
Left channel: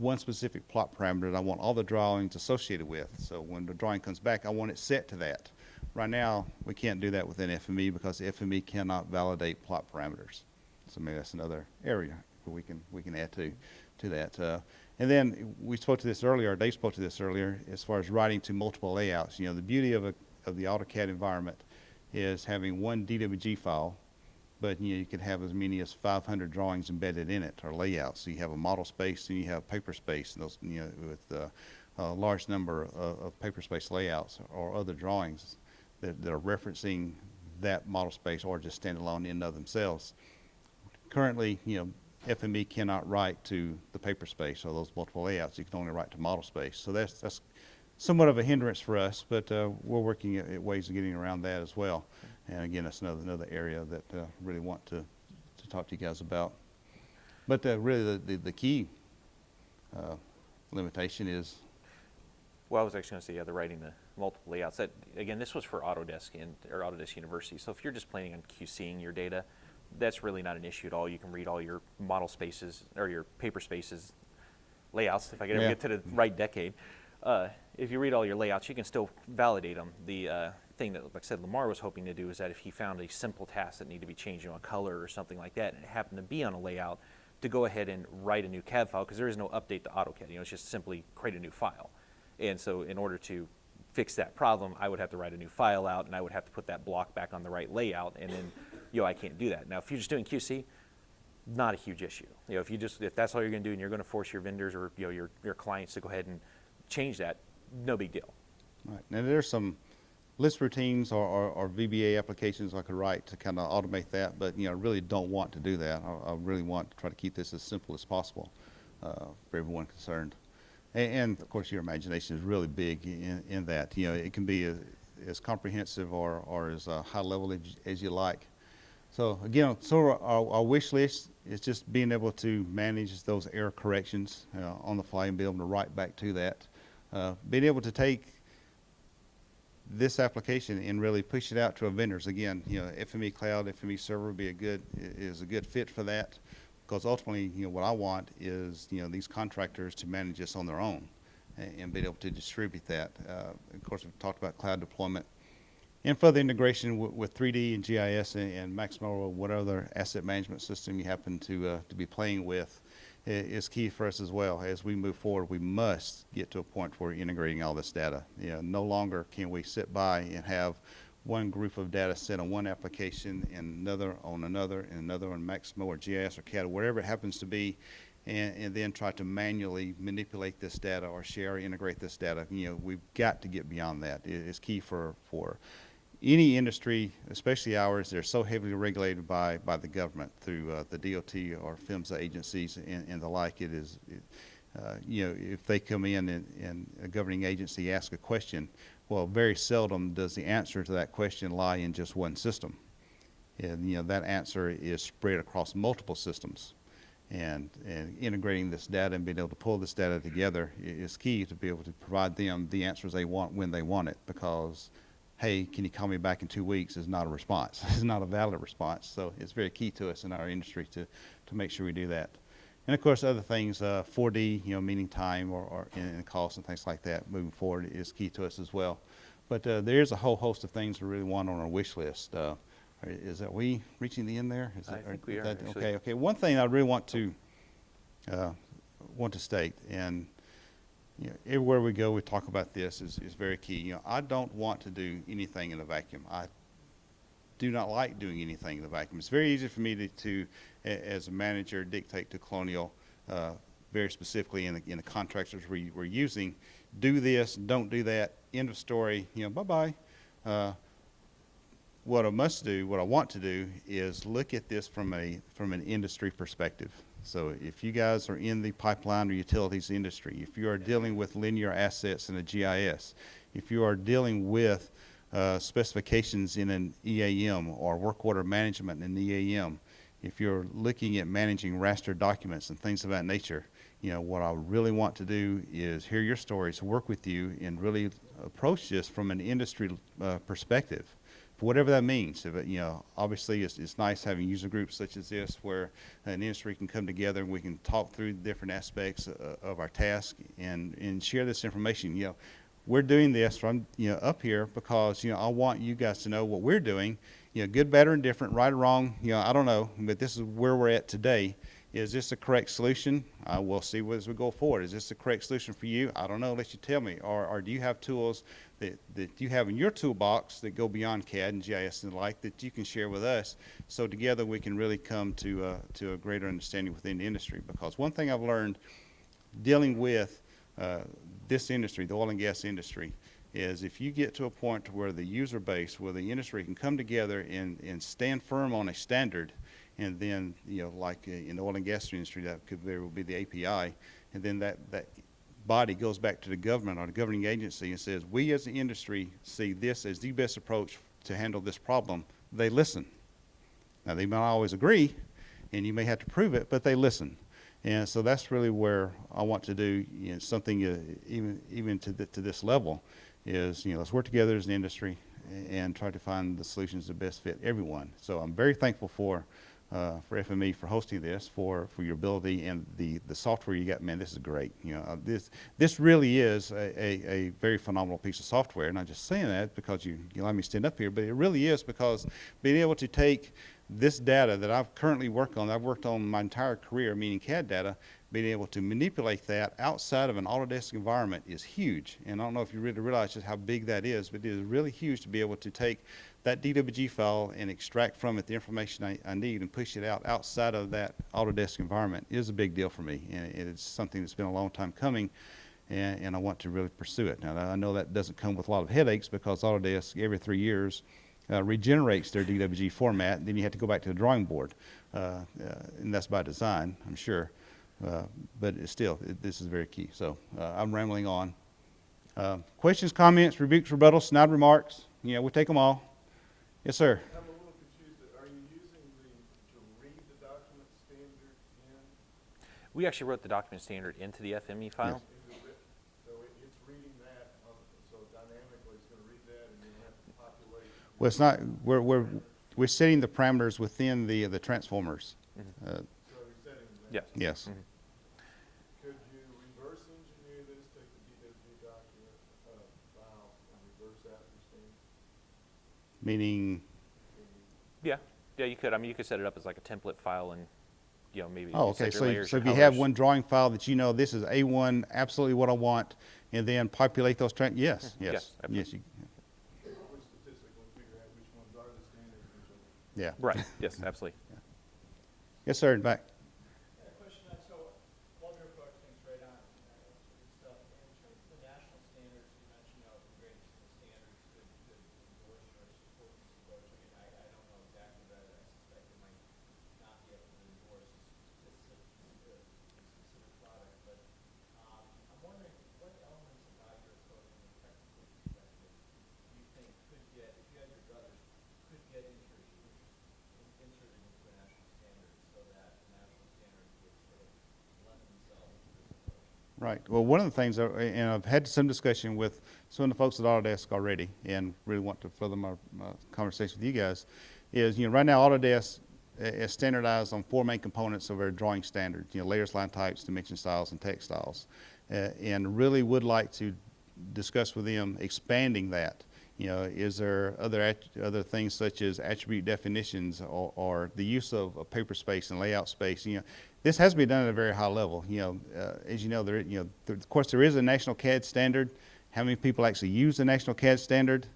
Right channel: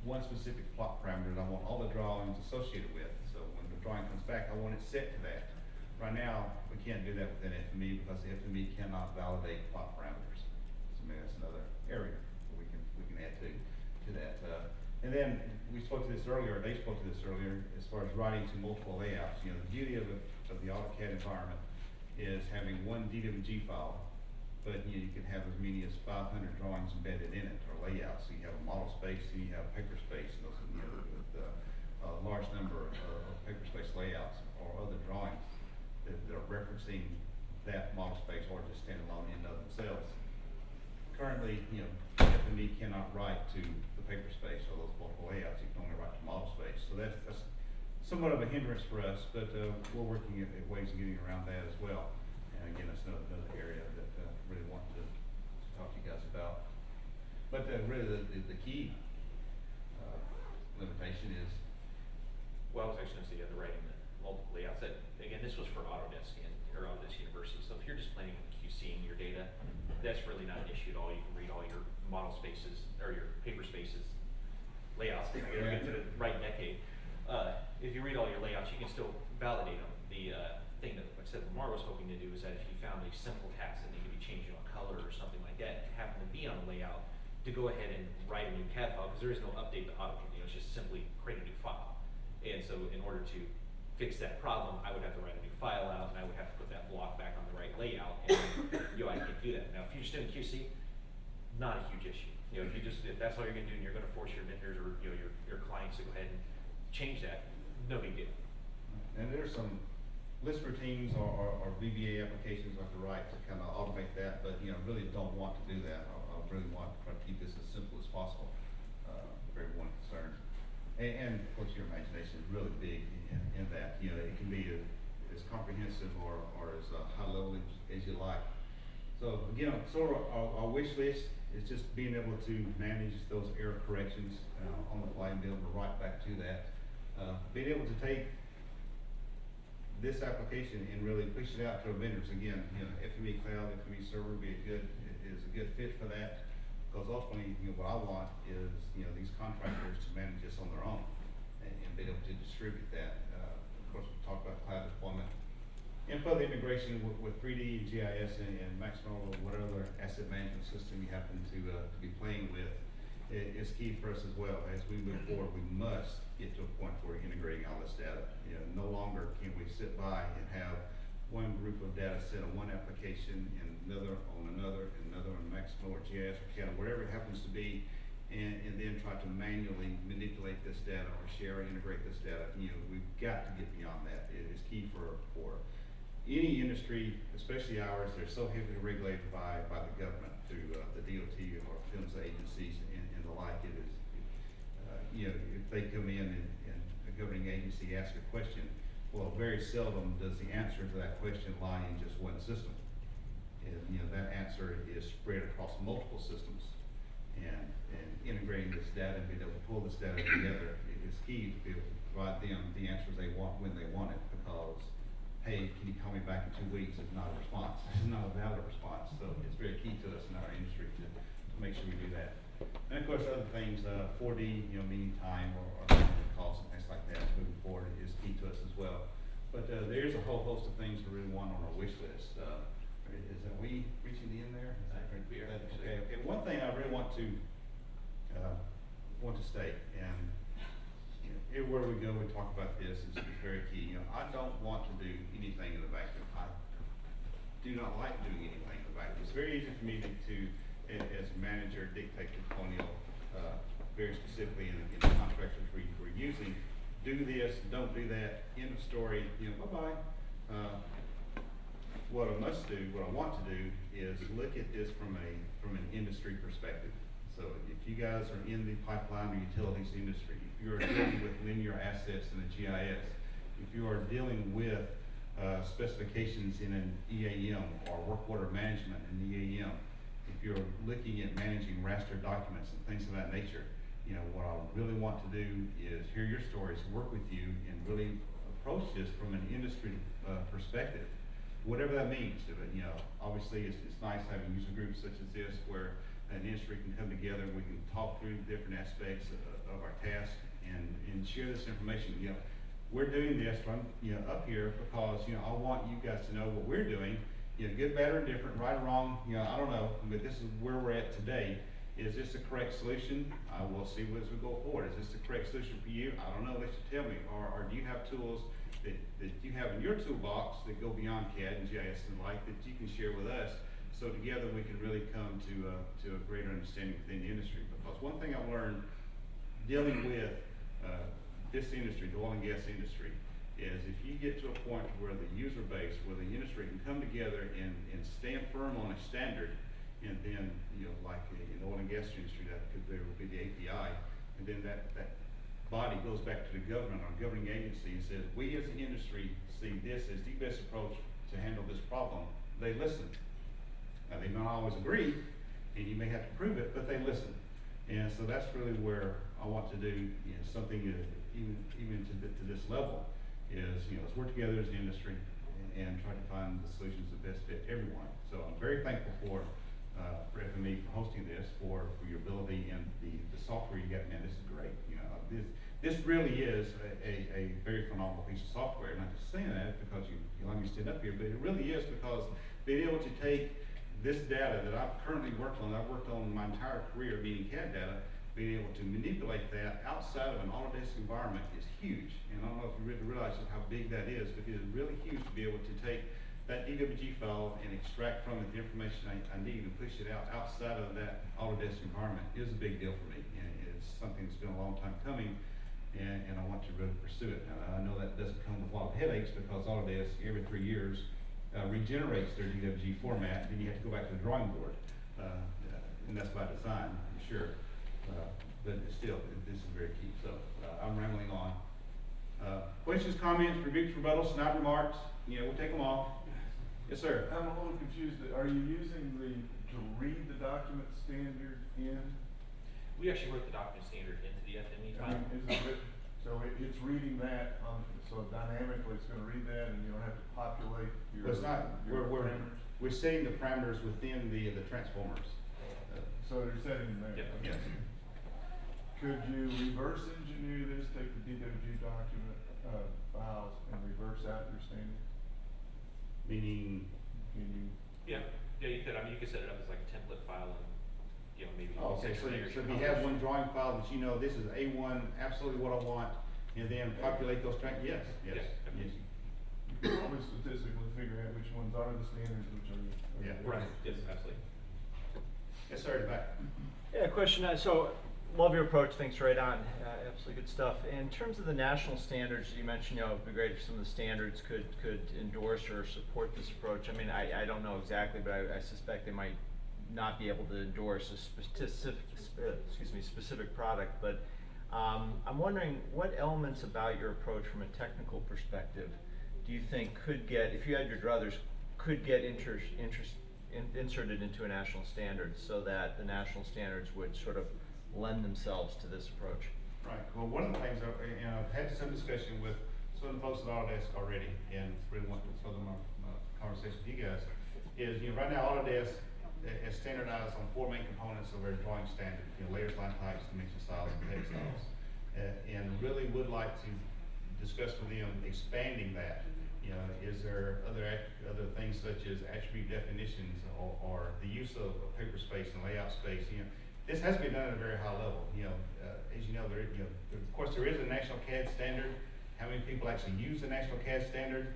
one specific plot parameter that I want all the drawings associated with. So when the drawing comes back, I want it set to that. Right now, we can't do that within FME because FME cannot validate plot parameters. So maybe that's another area that we can add to that. And then we spoke to this earlier, Dave spoke to this earlier, as far as writing to multiple layouts. The beauty of the AutoCAD environment is having one DWG file, but you can have as many as 500 drawings embedded in it, or layouts. So you have a model space and you have paper space, and those, with a large number of paper space layouts or other drawings that are referencing that model space or just stand alone in and of themselves. Currently, FME cannot write to the paper space or those multiple layouts. You can only write to model space. So that's somewhat of a hindrance for us, but we're working at ways of getting around that as well. And again, that's another area that really want to talk to you guys about. But really the key limitation is, Well, I was actually going to say, the writing the multiple layouts. That, again, this was for Autodesk or Autodesk University. So if you're just planning on QCing your data, that's really not an issue at all. You can read all your model spaces or your paper spaces layouts. If I can ever get to the right decade, if you read all your layouts, you can still validate them. The thing that, like I said, Lamar was hoping to do is that if he found a simple task that needed to be changed, a color or something like that, and it happened to be on a layout, to go ahead and write a new CAD file, because there is no update to AutoCAD. It's just simply create a new file. And so in order to fix that problem, I would have to write a new file out, and I would have to put that block back on the right layout, and I can't do that. Now, if you're just doing QC, not a huge issue. If that's all you're going to do, and you're going to force your vendors or your clients to go ahead and change that, no big deal. right. Now there's some list routines or VBA applications I could write to kind of automate that, but really don't want to do that. I really want to try to keep this as simple as possible for everyone concerned. And of course, your imagination is really big in that. It can be as comprehensive or as high level as you like. So again, our wish list is just being able to manage those error corrections on the fly and be able to write back to that. Being able to take this application and really push it out to our vendors. Again, FME Cloud, FME Server would be is a good fit for that, because ultimately, what I want is these contractors to manage this on their own and be able to distribute that. Of course, we've talked about cloud deployment and further integration with 3D and GIS and Maximo or whatever other asset management system you happen to be playing with is key for us as well. As we move forward, we must get to a point where we're integrating all this data. No longer can we sit by and have one group of data set on one application and another on another and another on Maximo or GIS or CAD, whatever it happens to be, and then try to manually manipulate this data or share or integrate this data. We've got to get beyond that. It's key for any industry, especially ours. They're so heavily regulated by the government through the DOT or PHMSA agencies and the like. If they come in and a governing agency asks a question, well, very seldom does the answer to that question lie in just one system. And that answer is spread across multiple systems. And integrating this data and being able to pull this data together is key to be able to provide them the answers they want when they want it, because hey, can you call me back in 2 weeks is not a response. It's not a valid response. So it's very key to us in our industry to make sure we do that. And of course, other things, 4D, meeting time or costs and things like that moving forward is key to us as well. But there's a whole host of things we really want on our wish list. Is that we reaching the end there? I think we are. Okay. One thing I really want to state, and everywhere we go, we talk about this is very key. I don't want to do anything in a vacuum. I do not like doing anything in a vacuum. It's very easy for me to as a manager, dictate to Colonial, very specifically in the contractors we're using, do this, don't do that, end of story, bye-bye. What I want to do is look at this from an industry perspective. So if you guys are in the pipeline or utilities industry, if you are dealing with linear assets in a GIS, if you are dealing with specifications in an EAM or work order management in EAM, if you're looking at managing raster documents and things of that nature, what I really want to do is hear your stories, work with you, and really approach this from an industry perspective, for whatever that means. Obviously it's nice having user groups such as this where an industry can come together and we can talk through the different aspects of our task and share this information. We're doing this from up here because I want you guys to know what we're doing. Good, bad, or indifferent, right or wrong, I don't know, but this is where we're at today. Is this the correct solution? We'll see as we go forward. Is this the correct solution for you? I don't know, unless you tell me. Or do you have tools that you have in your toolbox that go beyond CAD and GIS and the like that you can share with us, so together we can really come to a greater understanding within the industry? Because one thing I've learned dealing with this industry, the oil and gas industry, is if you get to a point where the user base, where the industry can come together and stand firm on a standard, and then, like in the oil and gas industry, that could very well be the API, and then that body goes back to the government or the governing agency and says, we as the industry see this as the best approach to handle this problem. They listen. Now, they may not always agree, and you may have to prove it, but they listen. And so that's really where I want to do something even to this level is, let's work together as an industry and try to find the solutions that best fit everyone. So I'm very thankful for FME for hosting this, for your ability and the software you got. Man, this is great. This really is a very phenomenal piece of software. And I'm just saying that because you let me stand up here, but it really is because being able to take this data that I've currently worked on my entire career, meaning CAD data, being able to manipulate that outside of an Autodesk environment is huge. And I don't know if you really realize just how big that is, but it is really huge to be able to take that DWG file and extract from it the information I need and push it out outside of that Autodesk environment. It is a big deal for me, and it's something that's been a long time coming, and I want to really pursue it. Now, I know that doesn't come with a lot of headaches because Autodesk every 3 years regenerates their DWG format. Then you have to go back to the drawing board, and that's by design, I'm sure. But still, this is very key. So I'm rambling on. Questions, comments, rebukes, rebuttals, snide remarks? We take them all. Yes, sir. I'm a little confused. Are you using to read the document standard in? We actually wrote the document standard into the FME file. So it's reading that so dynamically it's going to read that, and you don't have to populate. Well, it's not. We're setting the parameters within the transformers. So you're setting that. Yeah. Yes. Could you reverse engineer this? Take the DWG document files and reverse out your standard? Meaning. Can you? Yeah, you could. I mean, you could set it up as like a template file, and maybe. Oh, okay. set your layers, So your if you have colors. one drawing file that this is A1, absolutely what I want, and then populate those yes. Yeah, You Probably statistically figure out which ones are the standards, which are the. Yeah. Right. Yes, absolutely. Yes, sir. In back. Yeah, question. So, love your approach. Thanks, right on. Absolutely good stuff. In terms of the national standards, you mentioned, it'd be great if some of the standards could endorse or support this approach. I mean, I don't know exactly, but I suspect they might not be able to endorse a specific product. But I'm wondering what elements about your approach from a technical perspective do you think could get, if you had your druthers, could get inserted into a national standard so that the national standards would sort of lend themselves to this approach? Right. Well, one of the things, and I've had some discussion with some of the folks at Autodesk already, and really want to further my conversation with you guys, is right now Autodesk is standardized on 4 main components of our drawing standard: layers, line types, dimension styles, and text styles, and really would like to discuss with them expanding that. Is there other things such as attribute definitions or the use of paper space and layout space? This has to be done at a very high level. As you know, of course, there is a national CAD standard. How many people actually use the national CAD standard?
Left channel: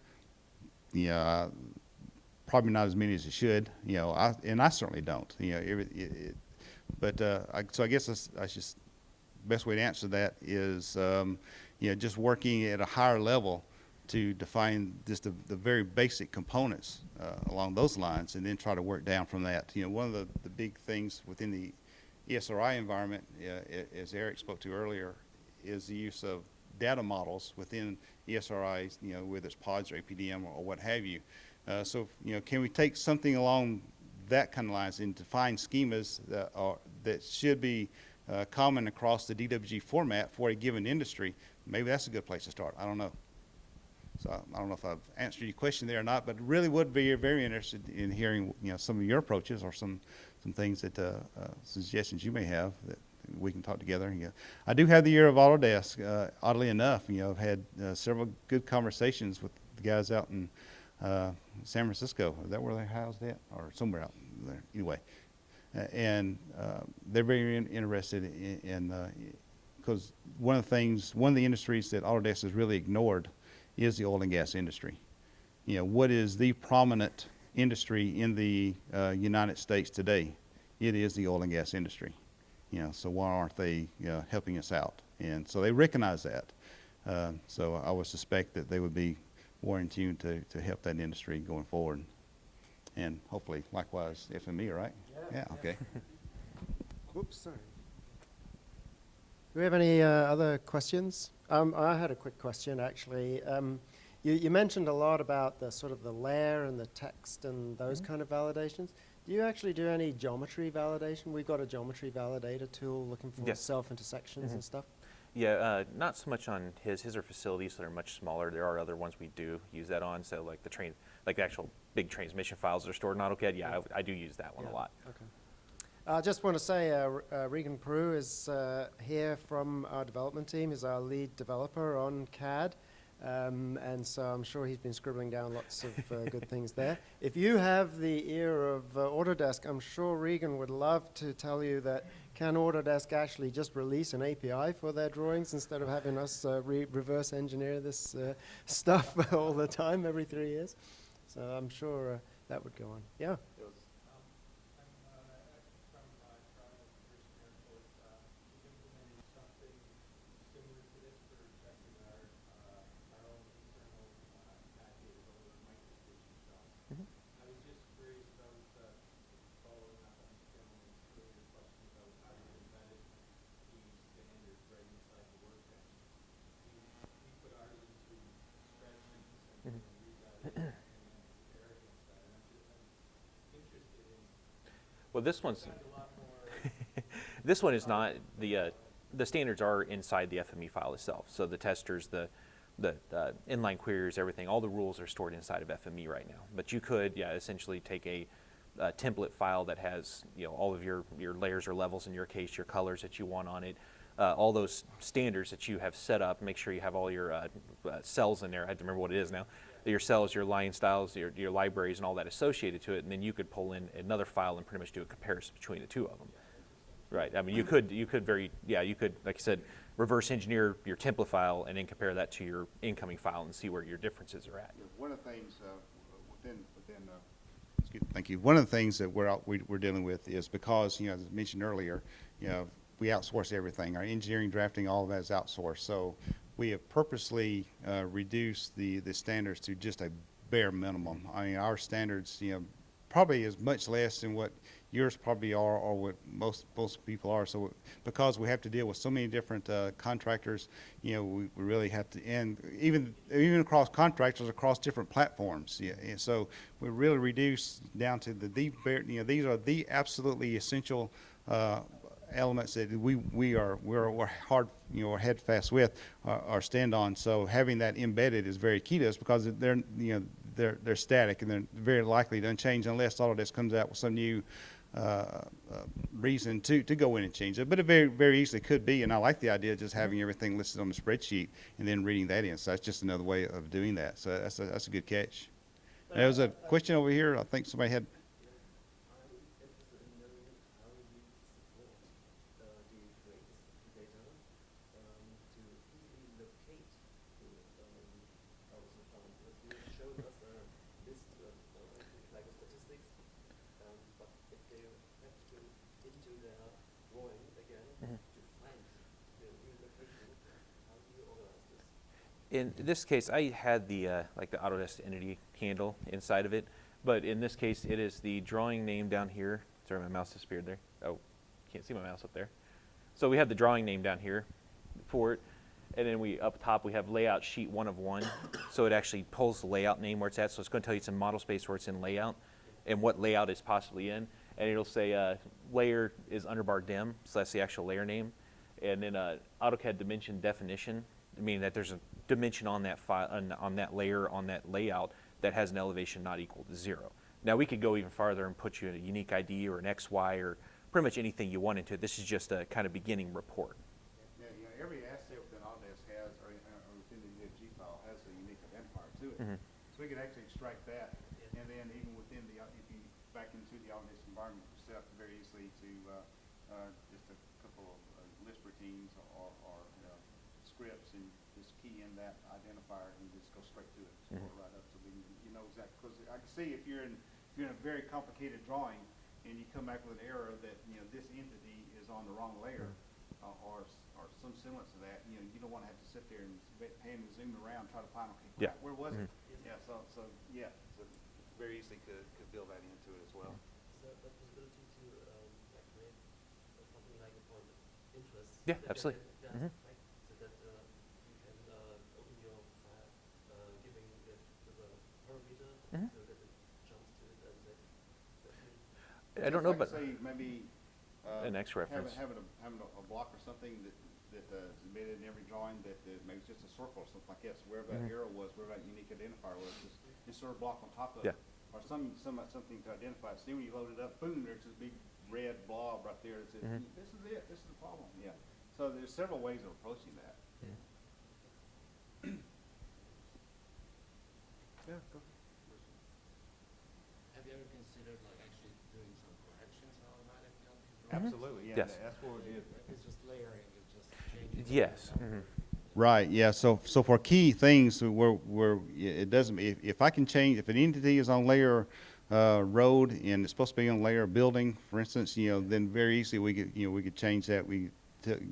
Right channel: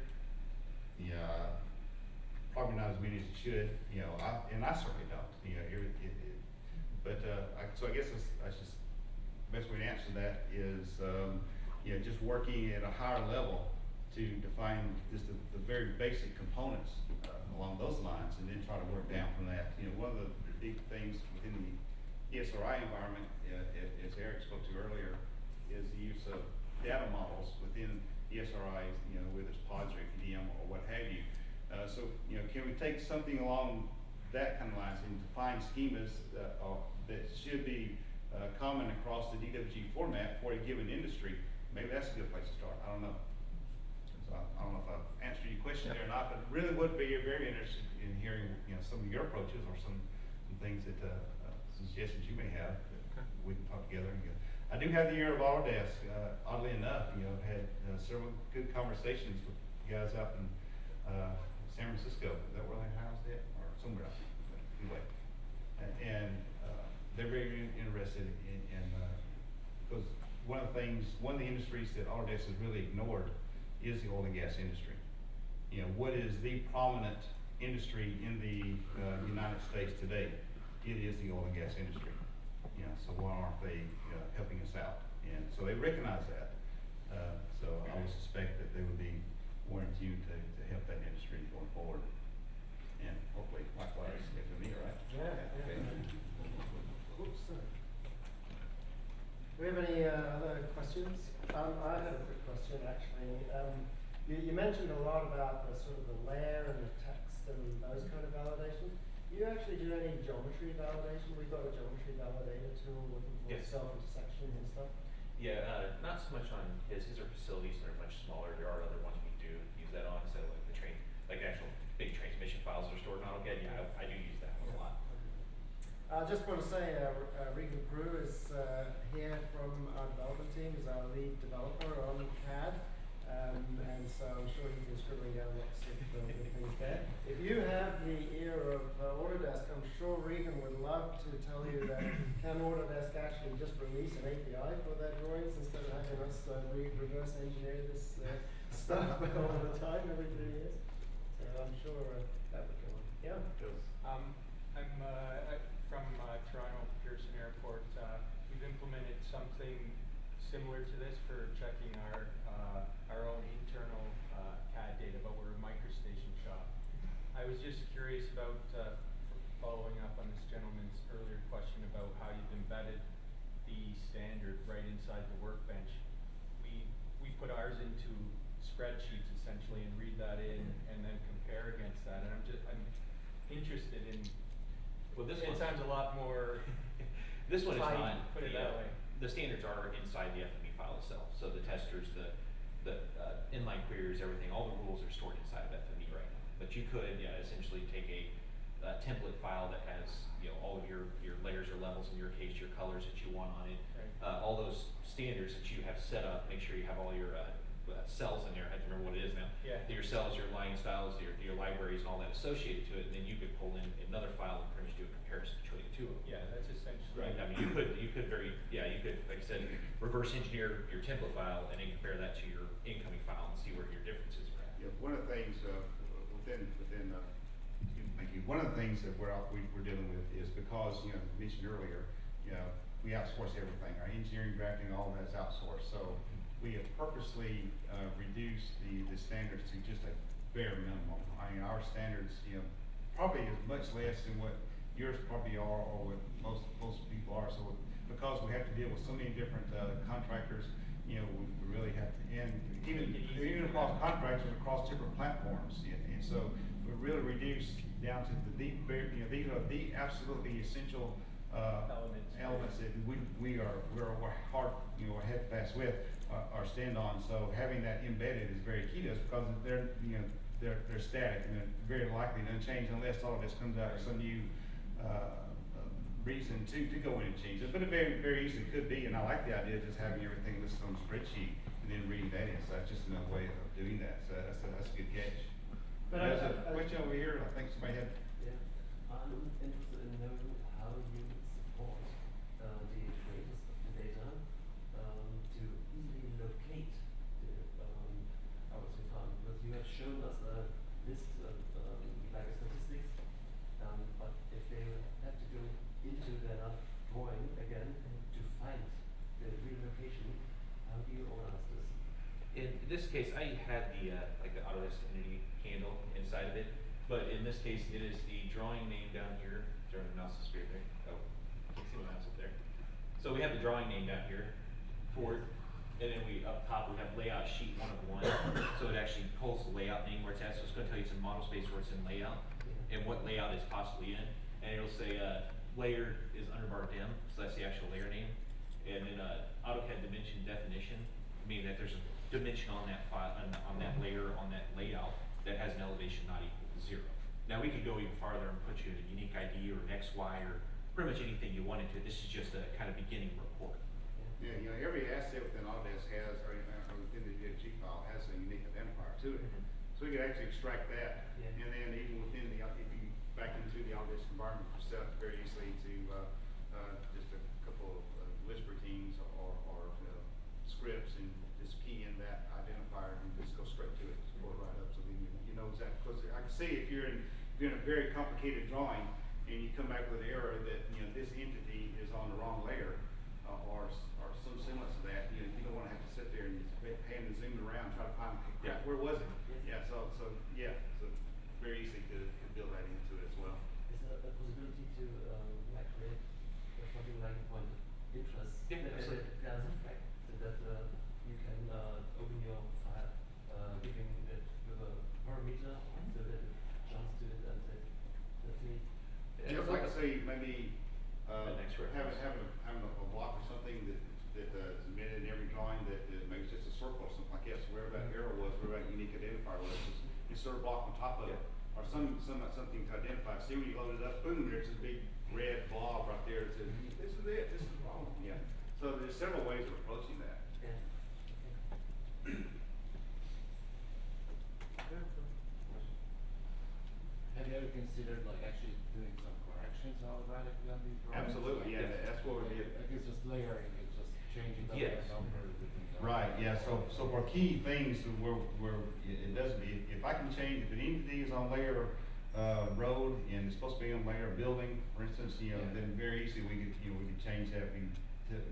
Probably not as many as it should. I certainly don't. So I guess best way to answer that is just working at a higher level to define just the very basic components along those lines, and then try to work down from that. One of the big things within the ESRI environment, as Eric spoke to earlier, is the use of data models within ESRIs, whether it's pods or APDM or what have you. So can we take something along that kind of lines and define schemas that should be common across the DWG format for a given industry? Maybe that's a good place to start. I don't know. So I don't know if I've answered your question there or not, but really would be very interested in hearing some of your approaches or some things that suggestions you may have that we can talk together. I do have the ear of Autodesk. Oddly enough, I've had several good conversations with the guys out in San Francisco. Is that where they're housed at, or somewhere out there? Anyway, and they're very interested in because one of the industries that Autodesk has really ignored is the oil and gas industry. What is the prominent industry in the United States today? It is the oil and gas industry. So why aren't they helping us out? And so they recognize that. So I would suspect that they would be more in tune to help that industry going forward. and hopefully likewise FME, right? Yeah, okay. Oops, sorry. Do we have any other questions? I had a quick question, actually. You mentioned a lot about the sort of the layer and the text and those kind of validations. Do you actually do any geometry validation? We've got a geometry validator tool looking for Yes. self-intersections and stuff. Yeah, not so much on his are facilities that are much smaller. There are other ones we do use that on. So like the actual big transmission files that are stored in AutoCAD. Yeah, I do use that one a lot. Okay. I just want to say Regan Peru is here from our development team. He's our lead developer on CAD. And so I'm sure he's been scribbling down lots of good things there. If you have the ear of Autodesk, I'm sure Regan would love to tell you that can Autodesk actually just release an API for their drawings instead of having us reverse engineer this stuff all the time, every 3 years. So I'm sure that would go on. Yeah? I'm from Toronto Pearson Airport. We've implemented something similar to this for checking our own internal CAD data, but we're a microstation shop. I was just curious about following up on this gentleman's earlier question about how you've embedded the standard right inside the workbench. We put ours into spreadsheets essentially and read that in and then compare against that. And I'm interested in. Well, this one's It sounds a lot more. this one is not Put it that way. the standards are inside the FME file itself. So the testers, the inline queries, everything, all the rules are stored inside of FME right now. But you could, essentially take a template file that has, all of your layers or levels in your case, your colors that you want on it, all those standards that you have set up. Make sure you have all your cells in there. I have to remember what it is now. Yeah. Your cells, your line styles, your libraries, and all that associated to it. And then you could pull in another file and pretty much do a comparison between the two of them. Yeah, that's essentially. Right. I mean, you could, like I said, reverse engineer your template file and then compare that to your incoming file and see where your differences are at. Yeah, one of the things thank you. One of the things that we're dealing with is because, as I mentioned earlier, we outsource everything. Our engineering, drafting, all of that is outsourced. So we have purposely reduced the standards to just a bare minimum. I mean, our standards, probably is much less than what yours probably are or what most people are. So because we have to deal with so many different contractors, we really have to, and even across contractors across different platforms. Yeah, and so we really reduce down to these are the absolutely essential elements that we're hard, we're head fast with our stand on. So having that embedded is very key to us because they're static and they're very likely to change unless Autodesk comes out with some new reason to go in and change it. But it very, very easily could be, and I like the idea of just having everything listed on the spreadsheet and then reading that in. So that's just another way of doing that. So that's a good catch. There was a question over here. I think somebody had. I'm interested in knowing how you support the creators of the data to easily locate our file. Because you have shown us a list of like statistics, but if they have to go into their drawing again to find the real location, how do you organize this? In this case, I had the like the Autodesk entity handle inside of it, but in this case, it is the drawing name down here. Sorry, my mouse disappeared there. Oh, can't see my mouse up there. So we have the drawing name down here for it, and then up top we have layout sheet 1 of 1. So it actually pulls the layout name where it's at. So it's going to tell you it's in model space where it's in layout, and what layout is possibly in, and it'll say layer is underbar dim, so that's the actual layer name, and then AutoCAD dimension definition, meaning that there's a dimension on that file, on that layer, on that layout that has an elevation not equal to 0. Now we could go even farther and put you in a unique ID or an XY or pretty much anything you wanted to. This is just a kind of beginning report. Yeah, every asset within Autodesk has, or within the G file has a unique identifier to it. Mm-hmm. So we can actually extract that, and then even within if you back into the Autodesk environment yourself, very easily to just a couple of list routines or scripts, and just key in that identifier and just go straight to it, scroll right up, so you know exactly. Because I can see if you're in a very complicated drawing and you come back with an error that this entity is on the wrong layer or so similar to that, you don't want to have to sit there and hand and zoom around and try to find Yeah. where was it. Yeah, so very easy to build that in. I don't know, Just but like say maybe, an X reference. Having a block or something that is embedded in every drawing that maybe it's just a circle or something like that, so wherever that arrow was, wherever that unique identifier was, it's sort of block on top of Yeah. it. Or something to identify. See, when you load it up, boom, there's this big red blob right there that says, this is it, this is the problem, yeah. So there's several ways of approaching that. Have you ever considered like actually doing some corrections automatically on these drawings? Absolutely, Yes. that's what we did. It's just layering, it's just changing. the Yes. number. Right, yeah, so for key things where it doesn't, if I can change, if an entity is on layer, road and it's supposed to be on layer building, for instance, then very easily we could change that,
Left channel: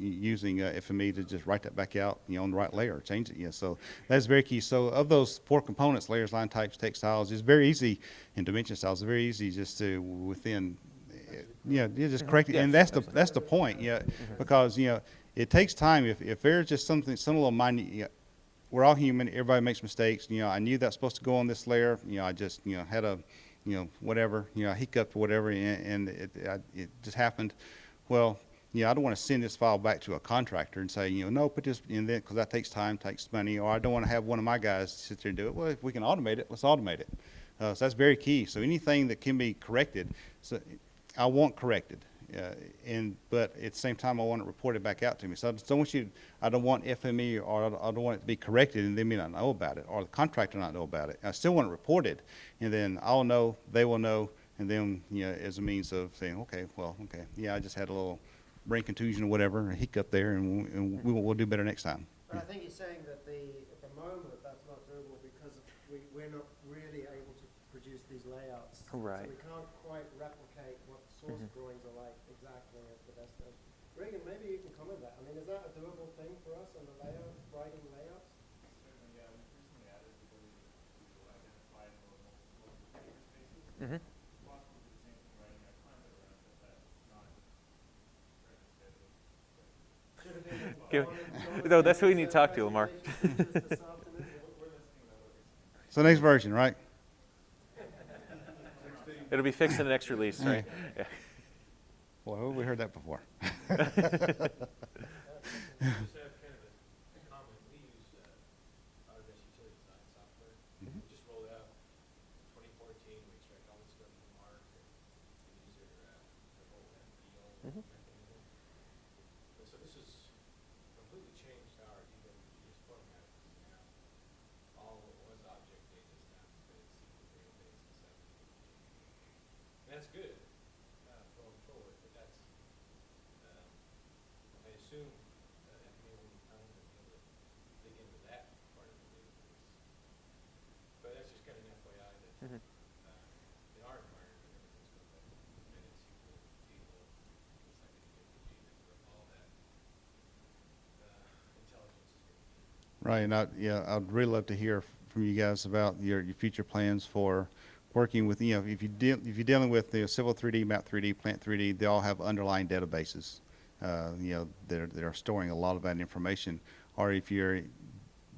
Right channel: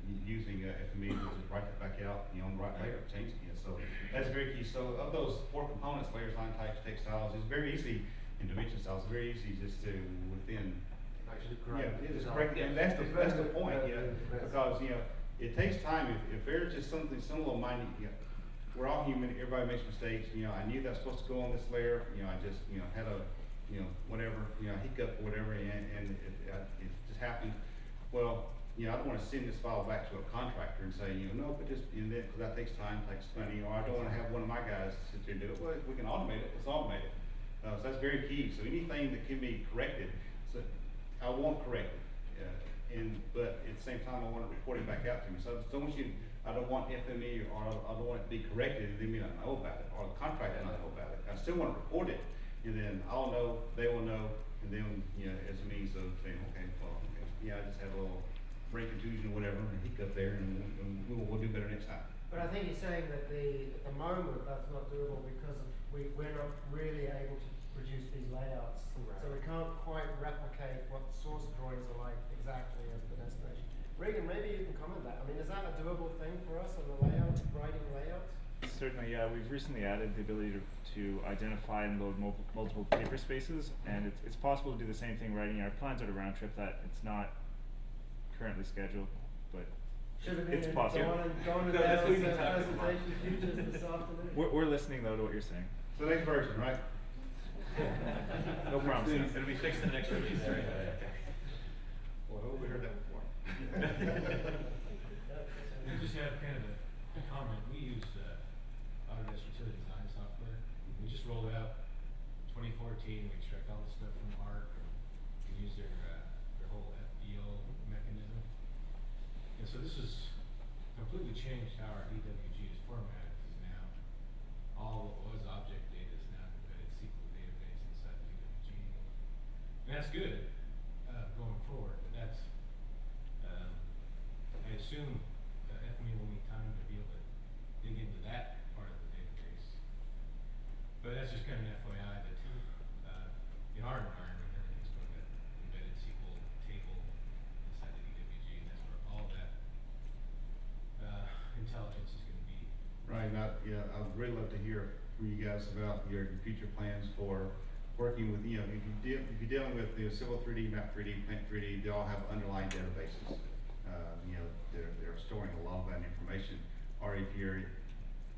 using, FME to just write that back out, on the right layer, change it, yeah, so that's very key. So of those 4 components, layers, line types, text styles, it's very easy, and dimension styles, it's very easy just to, within, you just correct it, and that's the point, yeah, because, it takes time. If there's just some little minute, we're all human. Everybody makes mistakes. I knew that's supposed to go on this layer. I just, had a, whatever, hiccup or whatever, and it just happened. Well, I don't want to send this file back to a contractor and say, no, put this in there, because that takes time, takes money, or I don't want to have one of my guys sit there and do it. Well, if we can automate it, let's automate it. So that's very key. So anything that can be corrected, so I want corrected. But at the same time, I want it reported back out to me. So I don't want FME, or I don't want it to be corrected and they may not know about it, or the contractor not know about it. I still want it reported, and then I'll know, they will know, and then, as a means of saying, okay, I just had a little brain contusion or whatever, a hiccup there, and we'll do better next time. But I think he's saying that at the moment that's not doable because we're not really able to produce these layouts. Right. So we can't quite replicate what the source drawings are like exactly as the destination. Regan, maybe you can comment that. I mean, is that a doable thing for us on the layout, writing layouts? Certainly, yeah. We've recently added the ability to identify and load multiple paper spaces, and it's possible to do the same thing writing our plans out of round trip. That it's not currently scheduled, but Should have been it's a possible. No, that's what we need to talk to, Lamar. We're listening though to what you're saying. So next version, right? No promises. It'll be fixed in the next release, right? Yeah. Well, we heard that before. I just have kind of a comment. We use Autodesk utility design software. We just rolled it out 2014. We extract all the stuff from ARC. We use their whole FEO mechanism. And so this has completely changed how our EWG is formatted. Because now all what was object data is now an embedded SQL database inside the EWG. And that's good going forward. But that's I assume FME will need time to be able to dig into that part of the database. But that's just kind of an FYI that in our environment, everything's going to embedded SQL table inside the EWG, and that's where all that intelligence is going to be. Right, and I'd really love to hear from you guys about your future plans for working with, if you're dealing with the Civil 3D, Map 3D, Plant 3D, they all have underlying databases, that are storing a lot of that information. Or if you're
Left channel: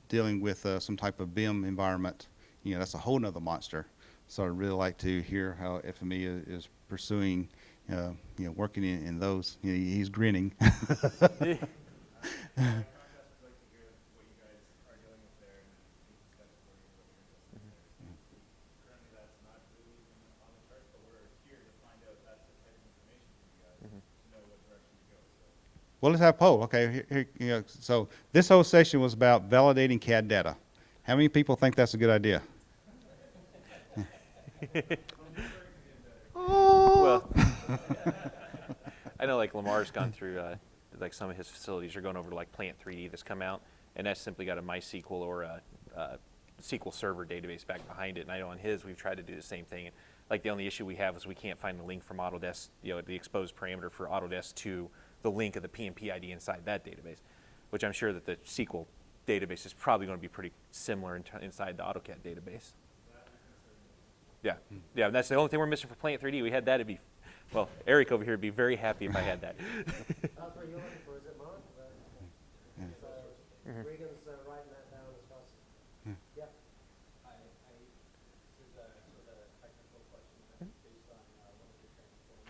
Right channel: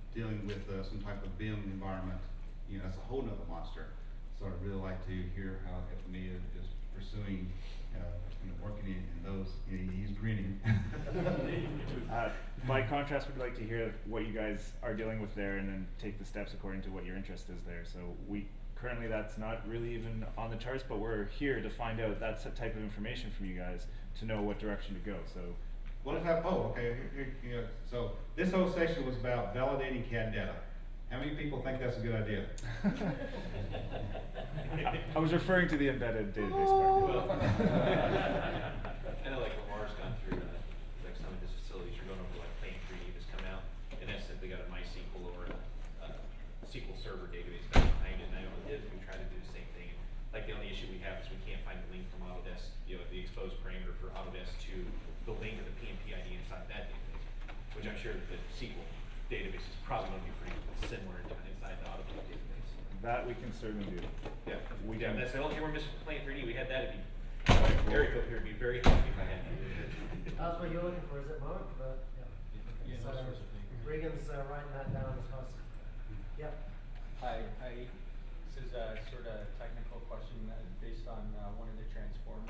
dealing with some type of BIM environment, that's a whole nother monster. So I'd really like to hear how FME is pursuing, working in those. He's grinning. By contrast, we'd like to hear what you guys are dealing with there, and then take the steps according to what your interest is there. So currently that's not really even on the charts, but we're here to find out that type of information from you guys to know what direction to go. So, Well, let's have a poll. Okay, here, so this whole session was about validating CAD data. How many people think that's a good idea? I was referring to the embedded database. Well, I know like Lamar's gone through, like some of his facilities are going over to like Plant 3D that's come out, and that's simply got a MySQL or a SQL Server database back behind it. And I know on his, we've tried to do the same thing. Like the only issue we have is we can't find the link from Autodesk, the exposed parameter for Autodesk to the link of the PMP ID inside that database, which I'm sure that the SQL database is probably going to be pretty similar inside the AutoCAD database. That we can certainly do. Yeah, that's the only thing we're missing for Plant 3D. We had that, well, Eric over here would be very happy if I had that. That's what you're looking for, is it, Mark? Yeah, those sorts of things. Regan's writing that down as well. Yep. Hi, this is a sort of technical question based on one of the transformers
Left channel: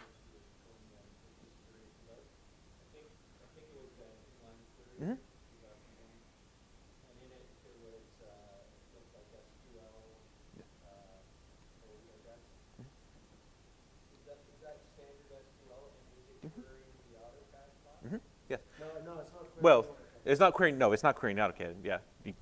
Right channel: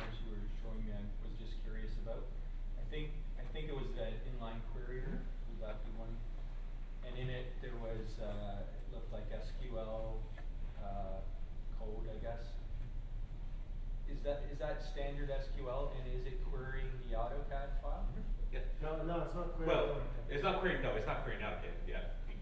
Well, it's not querying. No, it's not querying AutoCAD. Yeah. Yeah,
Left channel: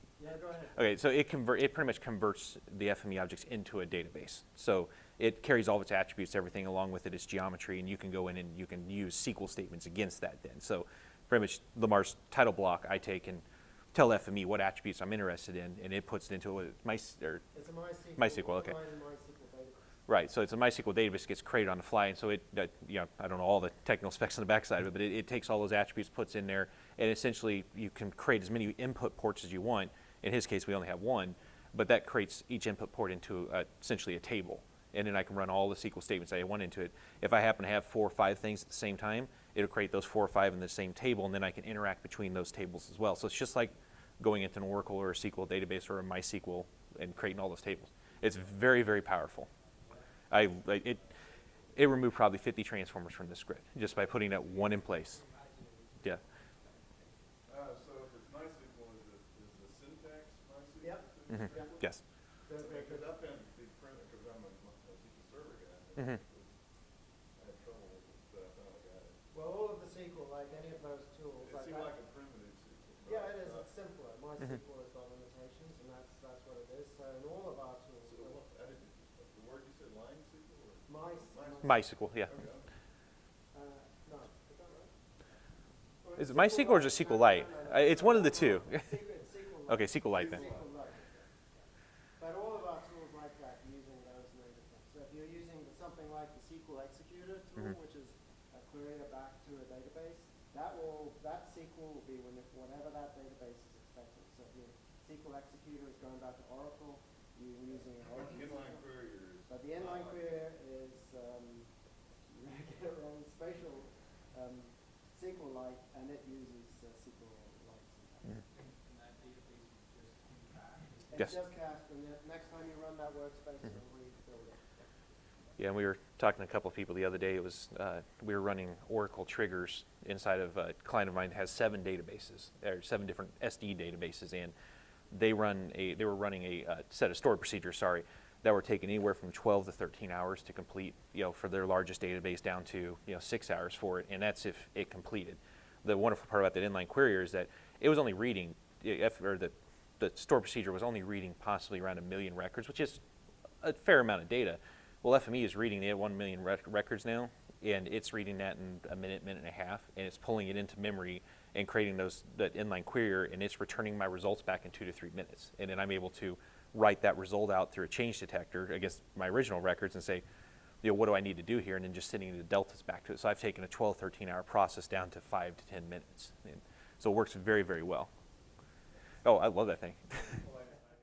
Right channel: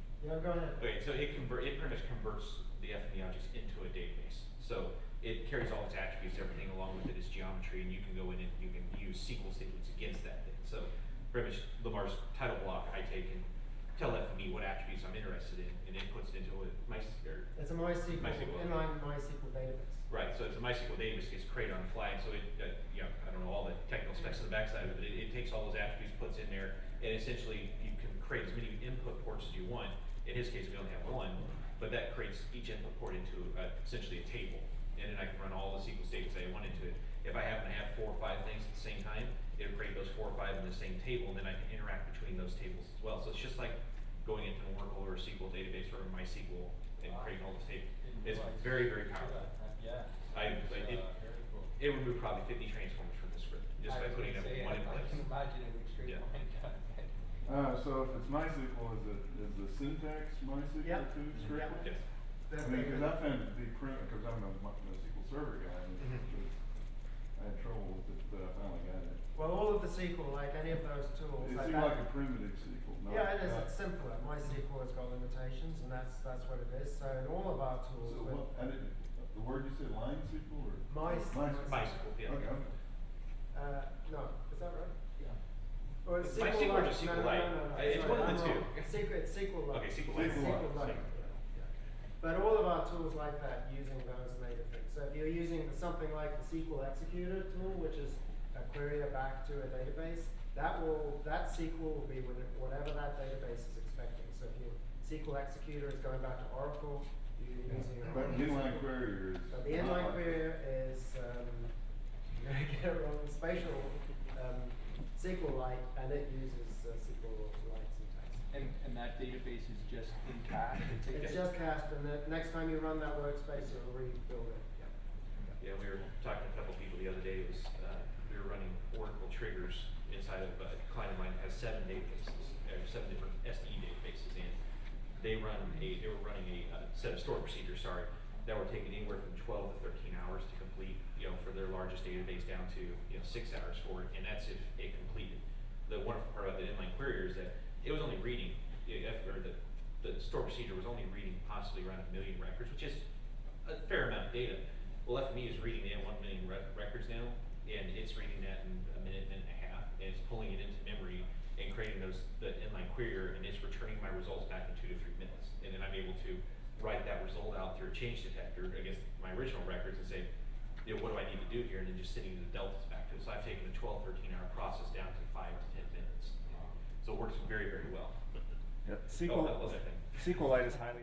go ahead. Okay, so it pretty much converts the FME objects into a database. So it carries all of its attributes, everything along with it is geometry, and you can go in and you can use SQL statements against that then. So pretty much Lamar's title block, I take and tell FME what attributes I'm interested in, and it puts it into It's a MySQL, MySQL, okay. inline MySQL database. Right, so it's a MySQL database, gets created on the fly, and so it, you know, I don't know all the technical specs on the backside of it, but it takes all those attributes, puts in there, and essentially you can create as many input ports as you want. In his case, we only have one, but that creates each input port into essentially a table, and then I can run all the SQL statements I want into it. If I happen to have 4 or 5 things at the same time, it'll create those 4 or 5 in the same table, and then I can interact between those tables as well. So it's just like going into an Oracle or a SQL database or a MySQL and creating all those tables. It's very, very powerful. It removed probably 50 transformers from the script just by putting that one in place. Yeah. So if it's MySQL, is the syntax MySQL Yep. too? Mhm. strictly? Yes. I mean, because I found it to be because I'm a SQL Server guy, and Mhm. I had trouble with it, but I finally got it. Well, all of the SQL, like any of those tools, It like seemed that, like a primitive SQL. Not yeah, it is. not- It's simpler. MySQL has got limitations, and that's what it is. So in all of our tools, So with what, the word you said, line SQL or? MySQL, yeah. Okay, okay. no, is that right? Yeah. Or Is it's it MySQL or just SQLite? It's one of the two. It's SQLite. Okay, SQLite. SQLite. But all of our tools like that using those native things. So if you're using something like the SQL executor tool, which is a query back to a database, that SQL will be whatever that database is expecting. So if your SQL executor is going back to Oracle, you're using a But the inline query is. the inline query is you're gonna get it wrong, spatial SQLite, and it uses SQLite syntax. And that database is just in CAD? It's just cast, and the next time you run that workspace, it'll rebuild it. Yeah, we were talking to a couple of people the other day. It was we were running Oracle triggers inside of a client of mine that has 7 databases, or 7 different SD databases, and they were running a set of stored procedures, that were taking anywhere from 12 to 13 hours to complete, for their largest database down to 6 hours for it, and that's if it completed. The wonderful part about that inline query is that it was only reading, the stored procedure was only reading possibly around 1 million records, which is a fair amount of data. Well, FME is reading, they have 1 million records now, and it's reading that in a minute and a half, and it's pulling it into memory and creating that inline query, and it's returning my results back in 2 to 3 minutes. And then I'm able to write that result out through a change detector against my original records and say, what do I need to do here? And then just sending the deltas back to it. So I've taken a 12, 13 hour process down to 5 to 10 minutes. So it works very, very well. Yep. Oh, I love that thing. SQLite is highly